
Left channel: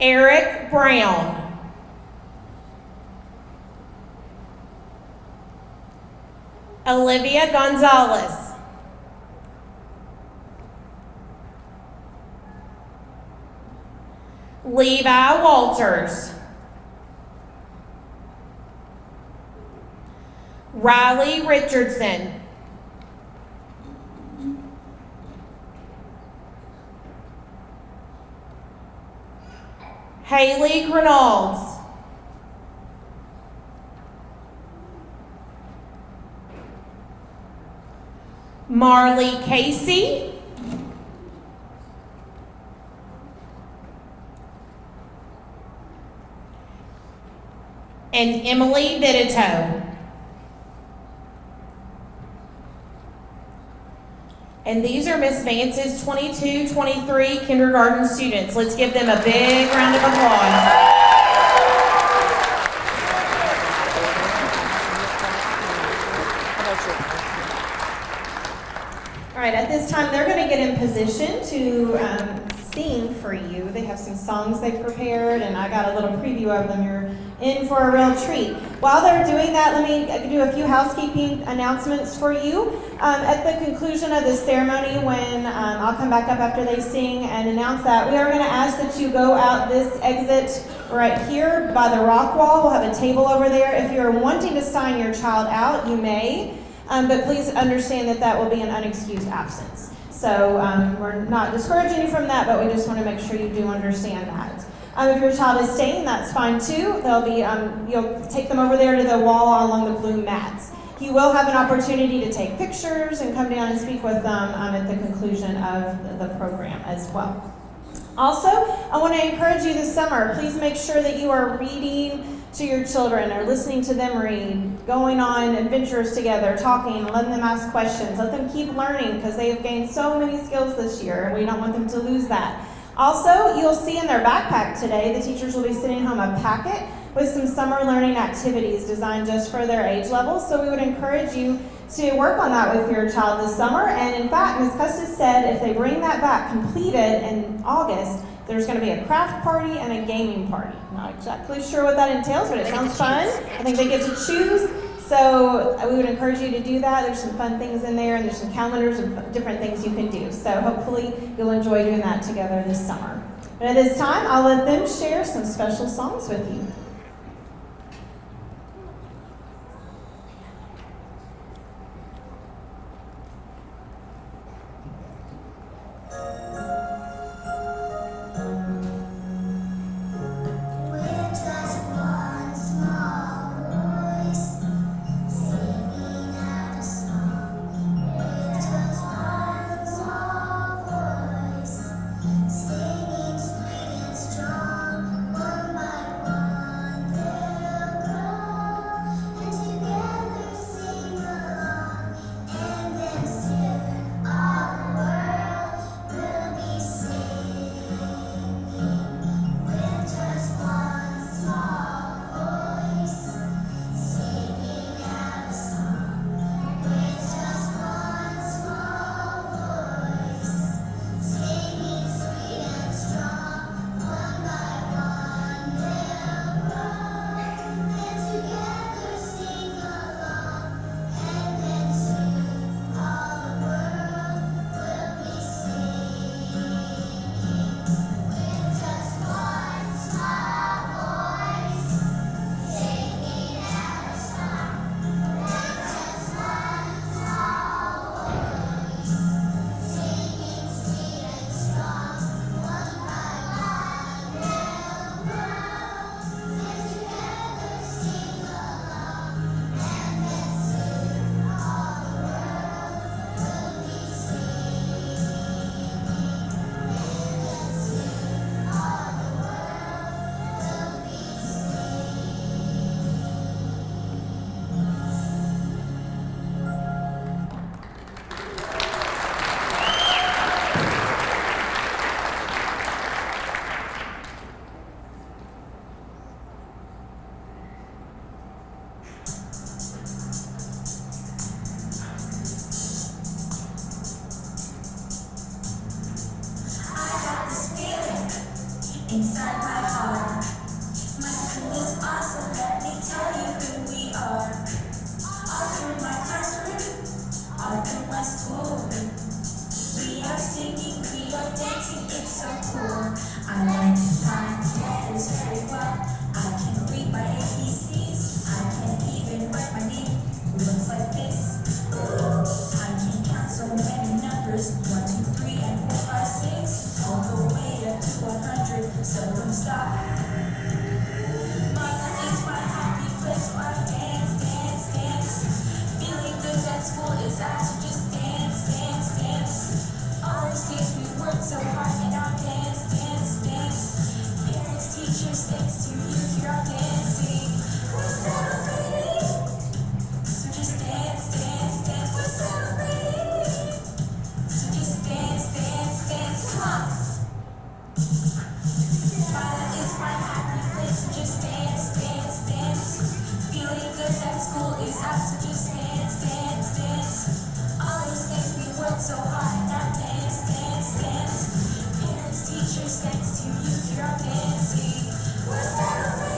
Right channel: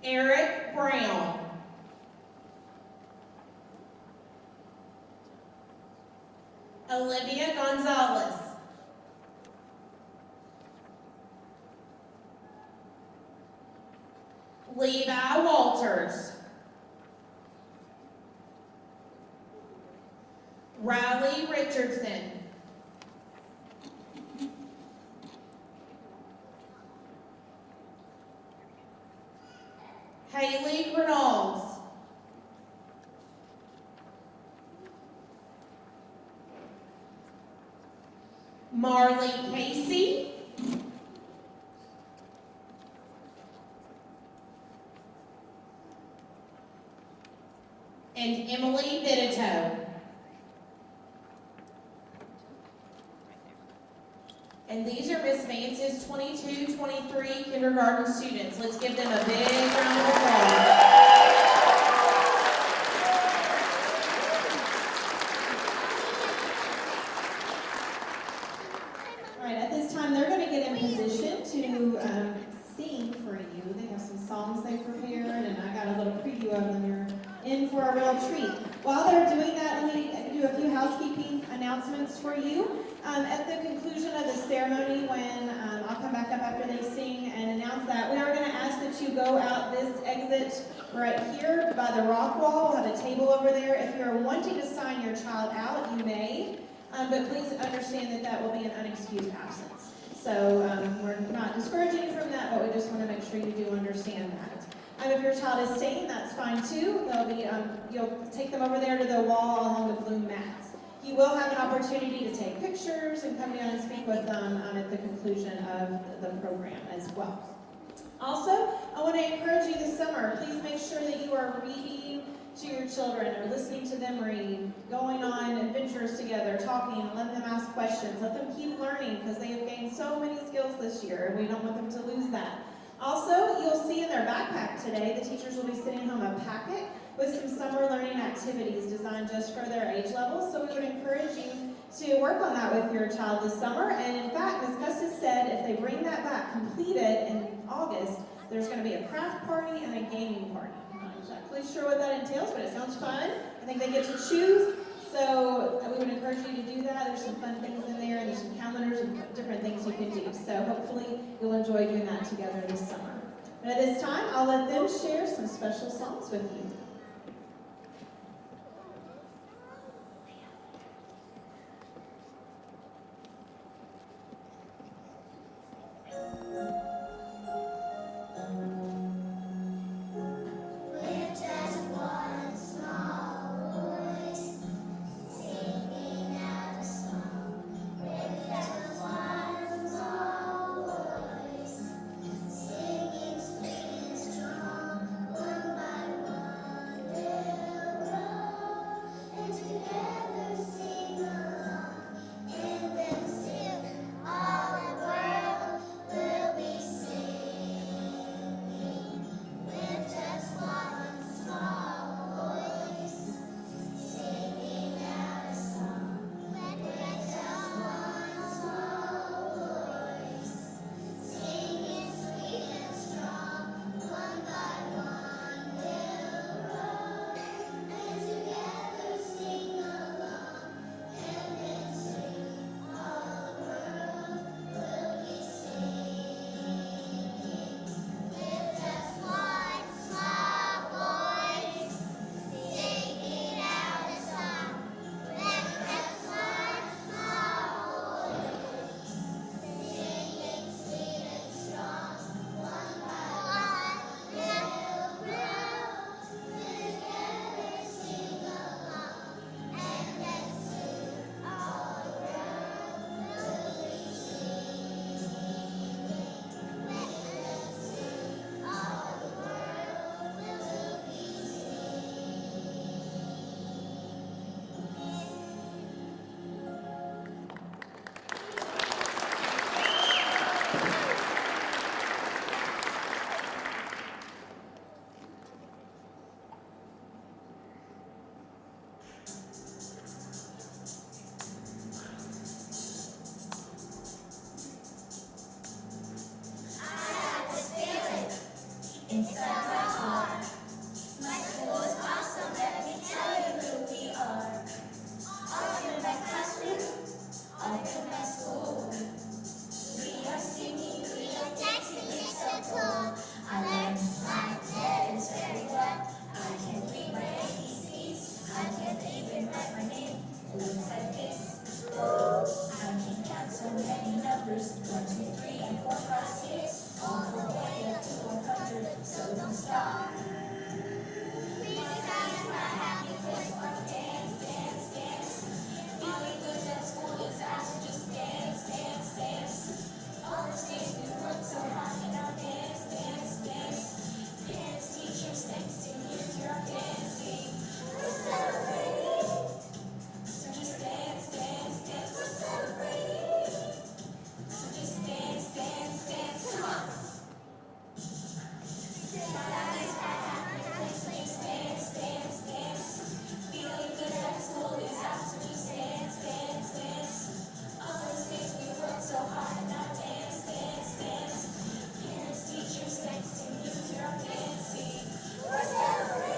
Eric Brown. Olivia Gonzalez. Levi Walters. Riley Richardson. Haley Grenalds. Marley Casey. And Emily Vidito. And these are Miss Vance's 22-23 kindergarten students. Let's give them a big round of applause. All right, at this time, they're going to get in position to sing for you. They have some songs they've prepared, and I got a little preview of them. You're in for a real treat. While they're doing that, let me do a few housekeeping announcements for you. At the conclusion of the ceremony, when I'll come back up after they sing and announce that, we are going to ask that you go out this exit right here by the rock wall. We'll have a table over there. If you're wanting to sign your child out, you may, but please understand that that will be an unexcused absence. So we're not discouraging you from that, but we just want to make sure you do understand that. If your child is staying, that's fine too. They'll be, you'll take them over there to the wall along the blue mats. You will have an opportunity to take pictures and come down and speak with them at the conclusion of the program as well. Also, I want to encourage you this summer, please make sure that you are reading to your children or listening to them read, going on adventures together, talking, letting them ask questions. Let them keep learning because they have gained so many skills this year and we don't want them to lose that. Also, you'll see in their backpack today, the teachers will be sending home a packet with some summer learning activities designed just for their age level. So we would encourage you to work on that with your child this summer. And in fact, Ms. Custis said if they bring that back completed in August, there's going to be a craft party and a gaming party. I'm not exactly sure what that entails, but it sounds fun. I think they get to choose. So we would encourage you to do that. There's some fun things in there, and there's some calendars and different things you can do. So hopefully you'll enjoy doing that together this summer. But at this time, I'll let them share some special songs with you. Singing sweet and strong, one by one. top. My life is my happy place where I dance, dance, dance. Feeling good at school is out to just dance, dance, dance. All those days we worked so hard and our dance, dance, dance. Parents, teachers, thanks to you, here I'm dancing. We're celebrating. So just dance, dance, dance. We're celebrating. So just dance, dance, dance. Come on. My life is my happy place. So just dance, dance, dance. Feeling good at school is out. So just dance, dance, dance. All those days we worked so hard. Now dance, dance, dance. Parents, teachers, thanks to you, here I'm dancing. We're celebrating.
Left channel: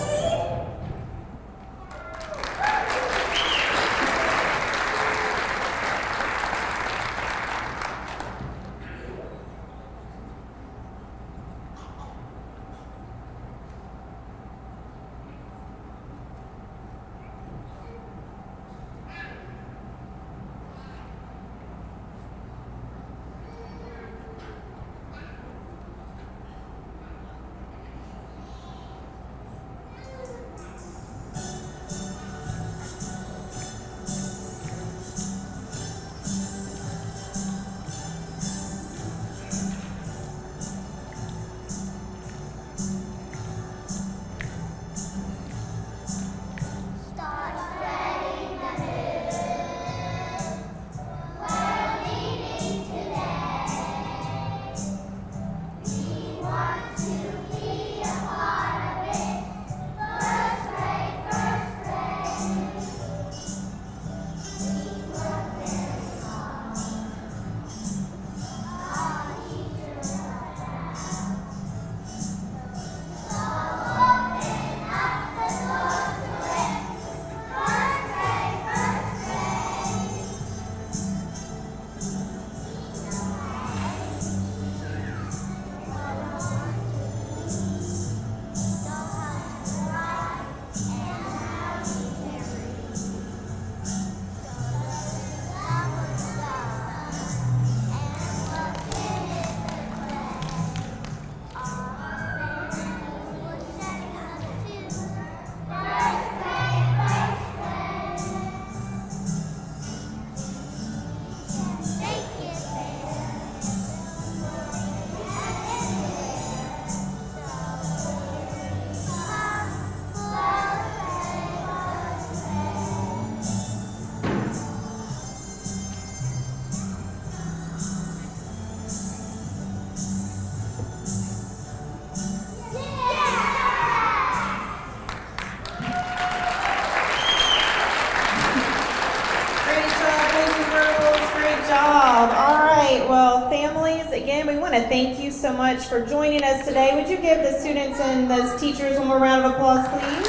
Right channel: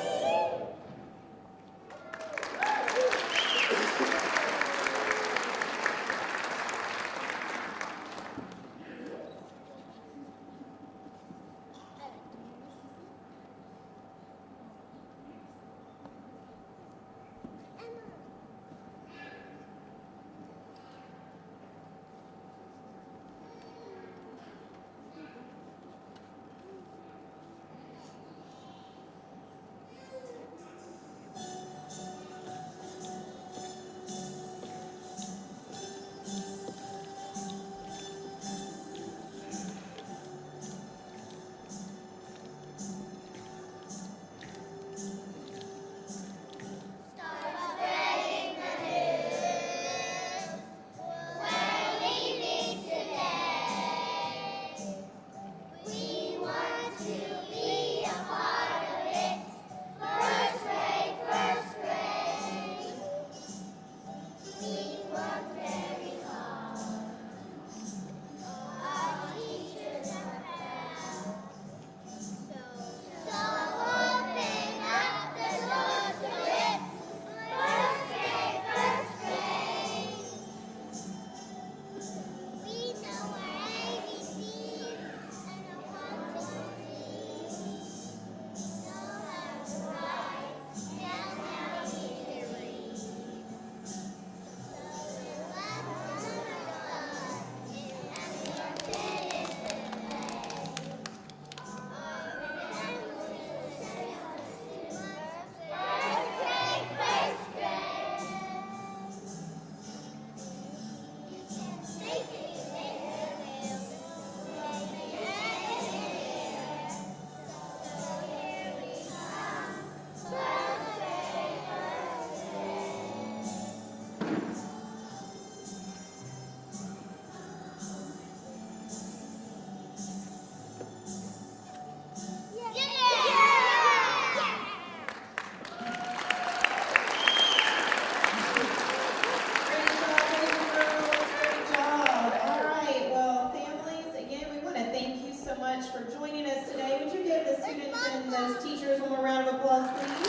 Thank you so much for joining us today. Would you give the students and the teachers one more round of applause, please?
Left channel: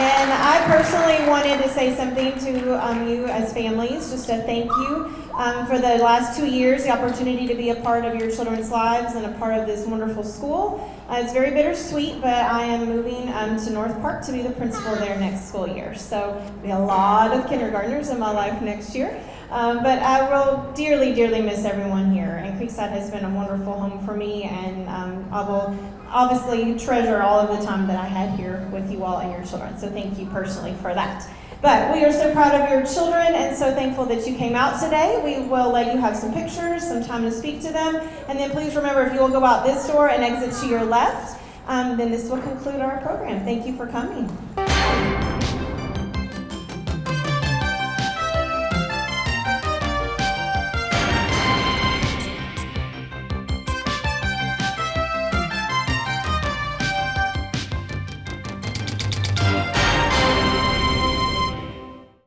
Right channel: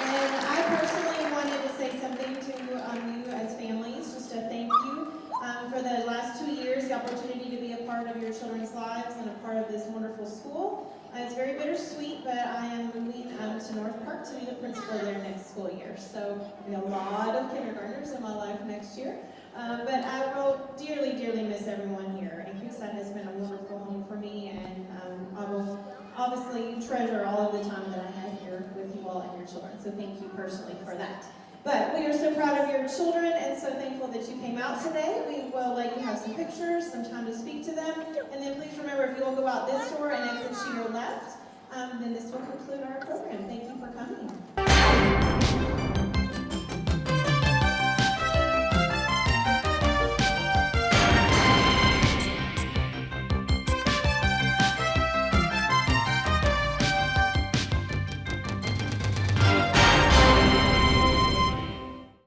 And I personally wanted to say something to you as families, just a thank you for the last 2 years, the opportunity to be a part of your children's lives and a part of this wonderful school. It's very bittersweet, but I am moving to North Park to be the principal there next school year. So there'll be a lot of kindergartners in my life next year. But I will dearly, dearly miss everyone here. And Creekside has been a wonderful home for me, and I will obviously treasure all of the time that I had here with you all and your children. So thank you personally for that. But we are so proud of your children and so thankful that you came out today. We will let you have some pictures, some time to speak to them. And then please remember, if you will go out this door and exit to your left, then this will conclude our program. Thank you for coming.